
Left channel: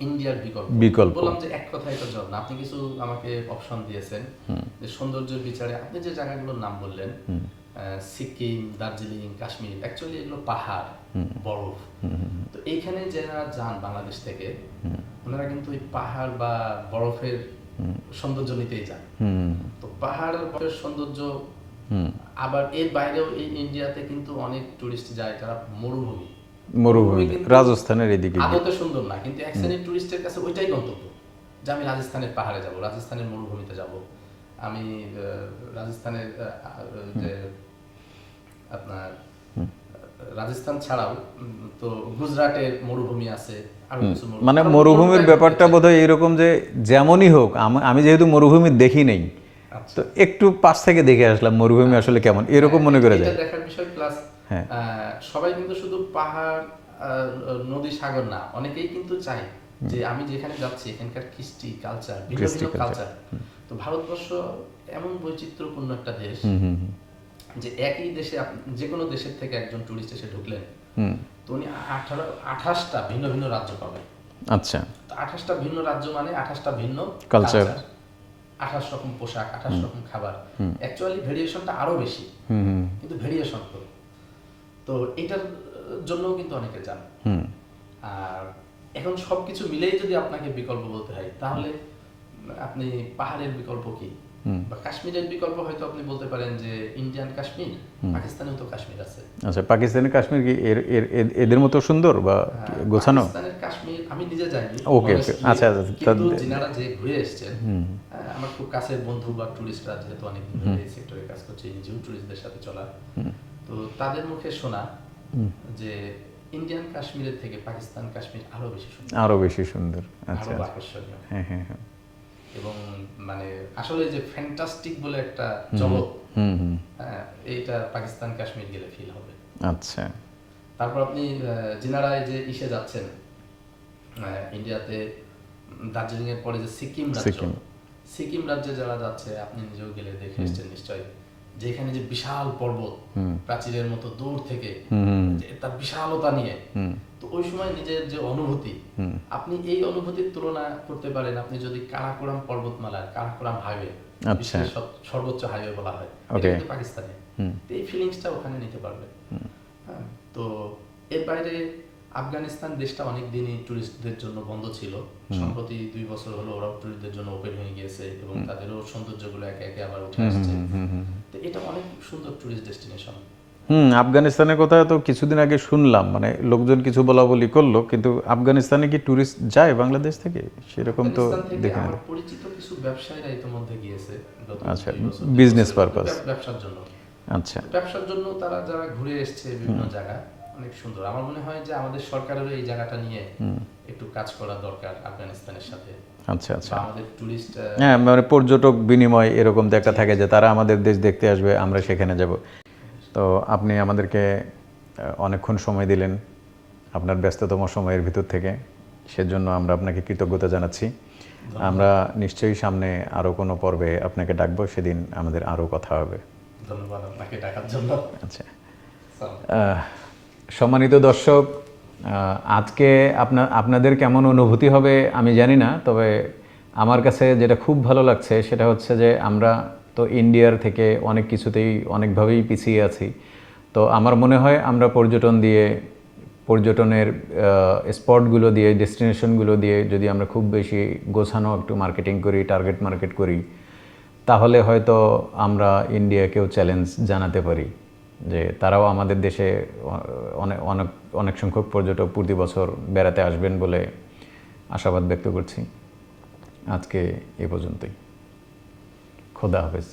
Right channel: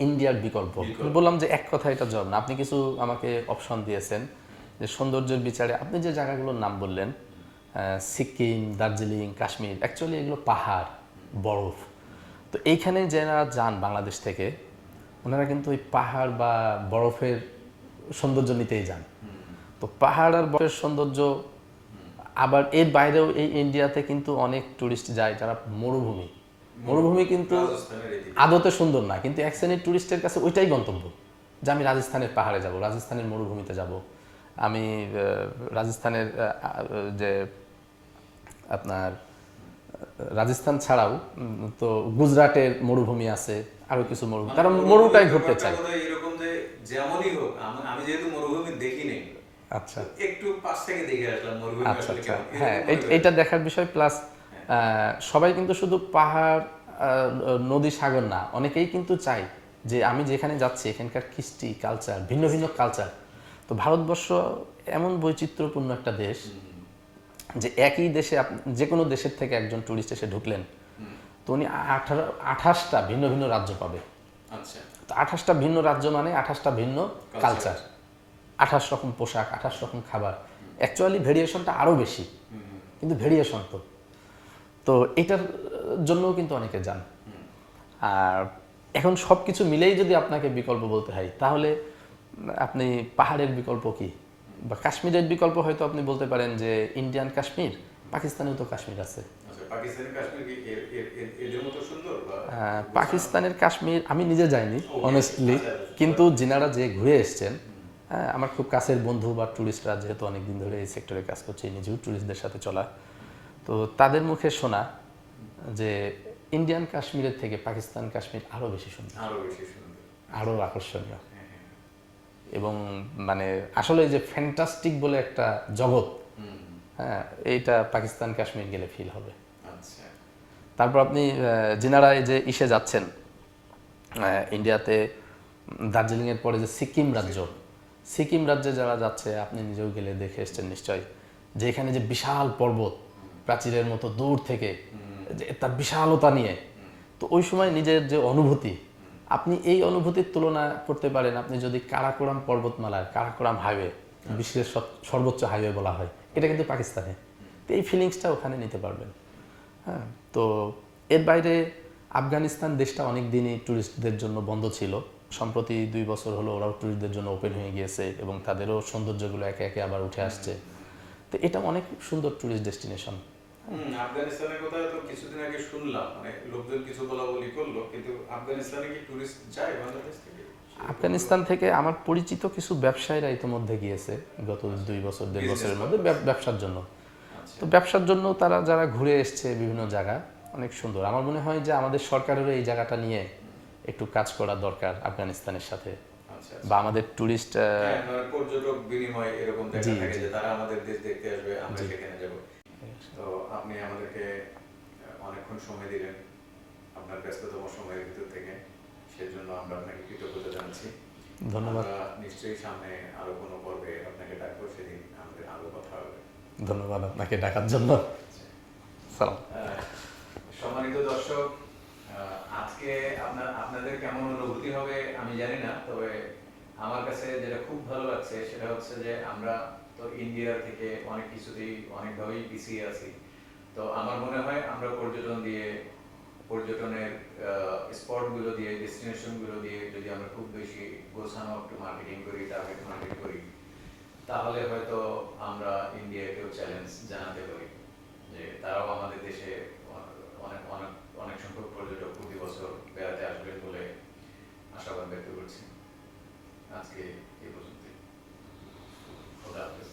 ইন্ডিয়ার বিকল্প বললাম যে এক কথা এটা জব না, আপনি কিছু আমাকে অপশন দিয়েছেন যে সৌন্দর্যের বিচারে আপনি যে জায়গাগুলোর নাম বললেন, সিকিম, দার্জিলিং, কাশ্মীর, অ্যাকচুয়ালি এগুলো পাহাড়, বরফ। তো এইখানে যারা যান বাংলাদেশ থেকে, ওনারা কিন্তু ওই পাহাড় বা বরফের সৌন্দর্য নিতেই যান। তো পাহাড় আর বরফের সৌন্দর্য, আবার এর বাইরেও এই ইন্ডিয়াতে কিন্তু অনেক টুরিস্ট যায় যারা মরুভূমি কিন্তু রাজস্থানের এদিকে আদতে সুন্দর না, কিন্তু এক শ্রেণীর টুরিস্টের কাছে ওইটাই গন্তব্য, যে আমি রাজস্থানের পাহাড়ে যাব, রাজস্থানের মরুভূমিতে যাব, আমি রাজস্থানের যে আপনার রাজস্থান ছাড়াও তো গুজরাটের মরুভূমি আছে, আরো কিছু মানে কারণ মরুভূমির মরুটাই ব্যাপারটা ঘুরতে চাই। বোধহয় এরকম যে যেমনই হোক, আমি যেহেতু মরুভূমি দেখি নেই, আচ্ছা, তো একটু পাশ থেকে দেখে আসলাম মরুভূমি আসলে কেমন, এরকম মনে করে এটা যায়। দেখার বিষয়। প্লাস সবাই কিন্তু শুধু পাহাড়, নদী, সাগর না, অনেকেই কিন্তু চায় যে আমি যেখানে যাচ্ছি এখানকার কৃষ্টি, কালচার, ভিন্ন ভিন্ন কালচার। তো ভারতবর্ষ এমন বৈচিত্র্যপূর্ণ একটা দেশ, যে একই দেশে যে কোনো দেশের থেকে একজন টুরিস্ট এসে ঢুকলেন, তো উনি 28টা ভিন্ন ভিন্ন রাজ্য পাবে। আচ্ছা, তো 28টা ভিন্ন রাজ্য মানে 28টা ভিন্ন Culture। কালচার, 28 রকম পোশাক, 28 রকম খাবার। অ্যাকচুয়ালি ভেরিয়েশনটা আরো বেশি, কিন্তু ভেরিয়েশন তো এটার জন্য কিন্তু অনেকে যান। আর এখন সবকিছু মিলেই যদি আপনাকে বিকল্প বলতে হয়, তাহলে আপনি পাহাড়ের বিকল্প কি, বা কাশ্মীরের বিকল্প হয়তো আপনি বলতে পারেন যে ইন্ডিয়ান কাশ্মীর, পাকিস্তানেও তো কাশ্মীর আছে। আচ্ছা, পাকিস্তানি কাশ্মীর কি এদের মতো সুন্দর বা গোছানো? পাকিস্তানের কাশ্মীর আমি নিজে যাইনি, ওকে, honestly, আচ্ছা, কিন্তু যিনারা যে ঘুরে এসেছেন, আমার খুব কাছের বন্ধু বা টুরিস্টরা, যেহেতু অনেকদিন ধরে এই সেক্টরে কাজ করছে, নিজেও টুরিস্টদের সাথে চলা, তো তাদের মুখে শোনা যে ইন্ডিয়ান কাশ্মীরের থেকে পাকিস্তান কাশ্মীর আরো বেশি সুন্দর, আরো বেশি সুন্দর। আরো আকর্ষণীয়। হ্যাঁ হ্যাঁ হ্যাঁ। এবং মানে আসলে যে ফ্যান্টাস্টিক বলে একটা জগৎ, হ্যাঁ, এইটা পাকিস্তান কাশ্মীর গেলে ফিল হবে। আচ্ছা, তারপর আপনি যিনারা এই যে ইসে যাচ্ছেন ইন্ডিয়াতে, দার্জিলিং এর পরে যে সিকিম রাজ্যে যারা যাচ্ছে, আপনি নিজেও গেলে দেখে এসেছেন নিশ্চয়ই, যে এখানে যে বিশাল পর্বত, প্রাচীরের মতো দূর থেকে, যে তার বিশালতা নিয়ে, তো ওই সময় নিজের যে অনুভূতি, আপনি এই অনুভূতির তুলনা করতে পারেন আপনি যদি কারাকোরাম পর্বতমালার কারাকোরাম হাইওয়ে, বিশ্বের সর্বোচ্চ হাইওয়ে বলা হয়, এটা কিন্তু পাকিস্তানে, এই ফিলিংসটা ওখানে নিতে পারবেন। হ্যাঁ, তো এর বাইরে আফগানিস্তান দেশটা অনেক দিনই টুরিস্টদের জন্য বন্ধ ছিল, সম্প্রতি 2 বছর হলো ওরাও টুরিস্টদের জন্য ওপেন হয়ে গিয়েছে, এবং তাদেরও সৌন্দর্যগুলো একে একে আবার উঠে আসছে। তো এটা অনেক সুন্দর টুরিস্ট ডেস্টিনেশন। আফগানিস্তানের কথা তো কিছুদিন আগে শুনলাম, মানে লোকজন কিছু বলা বলি করলো, কিন্তু আফগানিস্তানে কি টুরিস্ট যায় বাংলাদেশ থেকে? সেরকম তো আফগানিস্তান থেকে আমার পরিচিত কিছু ব্যবসায়ীরা ইতিমধ্যে গিয়েছে গত 2 বছর, বিজনেস পারপাস, ব্যবসার জন্য। আচ্ছা, তো ব্যবসার জন্য তারা যারা ঘুরে এসছে বিভিন্ন জায়গা, অনেক সুন্দর। আমার মনে হয় যে আমাদের সরকারেরও এই জায়গাটা নিয়ে একটু কাজ করা দরকার আফগানিস্তানের সাথে, আচ্ছা আচ্ছা। বা আমাদের টুরিস্ট, হ্যাঁ, মানে পর্যটক বিনিময় এরকম দেখা থাকে যে তারা আমাদের দেশ দেখতে আসবে, আমরা সেখানে যাব। তো আপনি আমাদেরকে অনেকক্ষণ সময় দিলেন আপনার ব্যস্ততম সময়ের ভিতর থেকে, সেজন্য আমরা আপনাকে কৃতজ্ঞতা জানাচ্ছি। আমরা নিশ্চয়ই সামনে আরও কোনো পর্বে আপনাকে ডাকবো, সেদিন আমাদের আরও কথা হবে। ধন্যবাদ আপনাকে ডাকার জন্য। আচ্ছা, সালাম। সম্মানিত দর্শক, আজকে আপনাদের কেমন অনুভূতি হবে আমি জানি না, তবে আমার কাছে যেটা খুব ভালো লাগছে সেটা হচ্ছে যে আমরা তো ইন্ডিয়ার থেকে অনেক কিছুতেই অনেকভাবেই পিছিয়ে আছি। তো আমার মনে হয় আমরা পর্যটনের স্পটগুলো দিয়ে, ডেস্টিনেশনগুলো দিয়ে যদি আমরা খুব বেশি গোছানো একটু মার্কেটিং করি, টার্গেট মার্কেট করি, তাহলে হয়তো আমরা ইন্ডিয়াকেও চ্যালেঞ্জ জানাতে পারি যে তারাও আমাদের দেশে অনেক সংখ্যক পর্যটক প্রতি বছর বেড়াতে আসবেন বলে আশাবাদ ব্যক্ত করছি। আজকে এ পর্যন্তই। খোদা হাফেজ।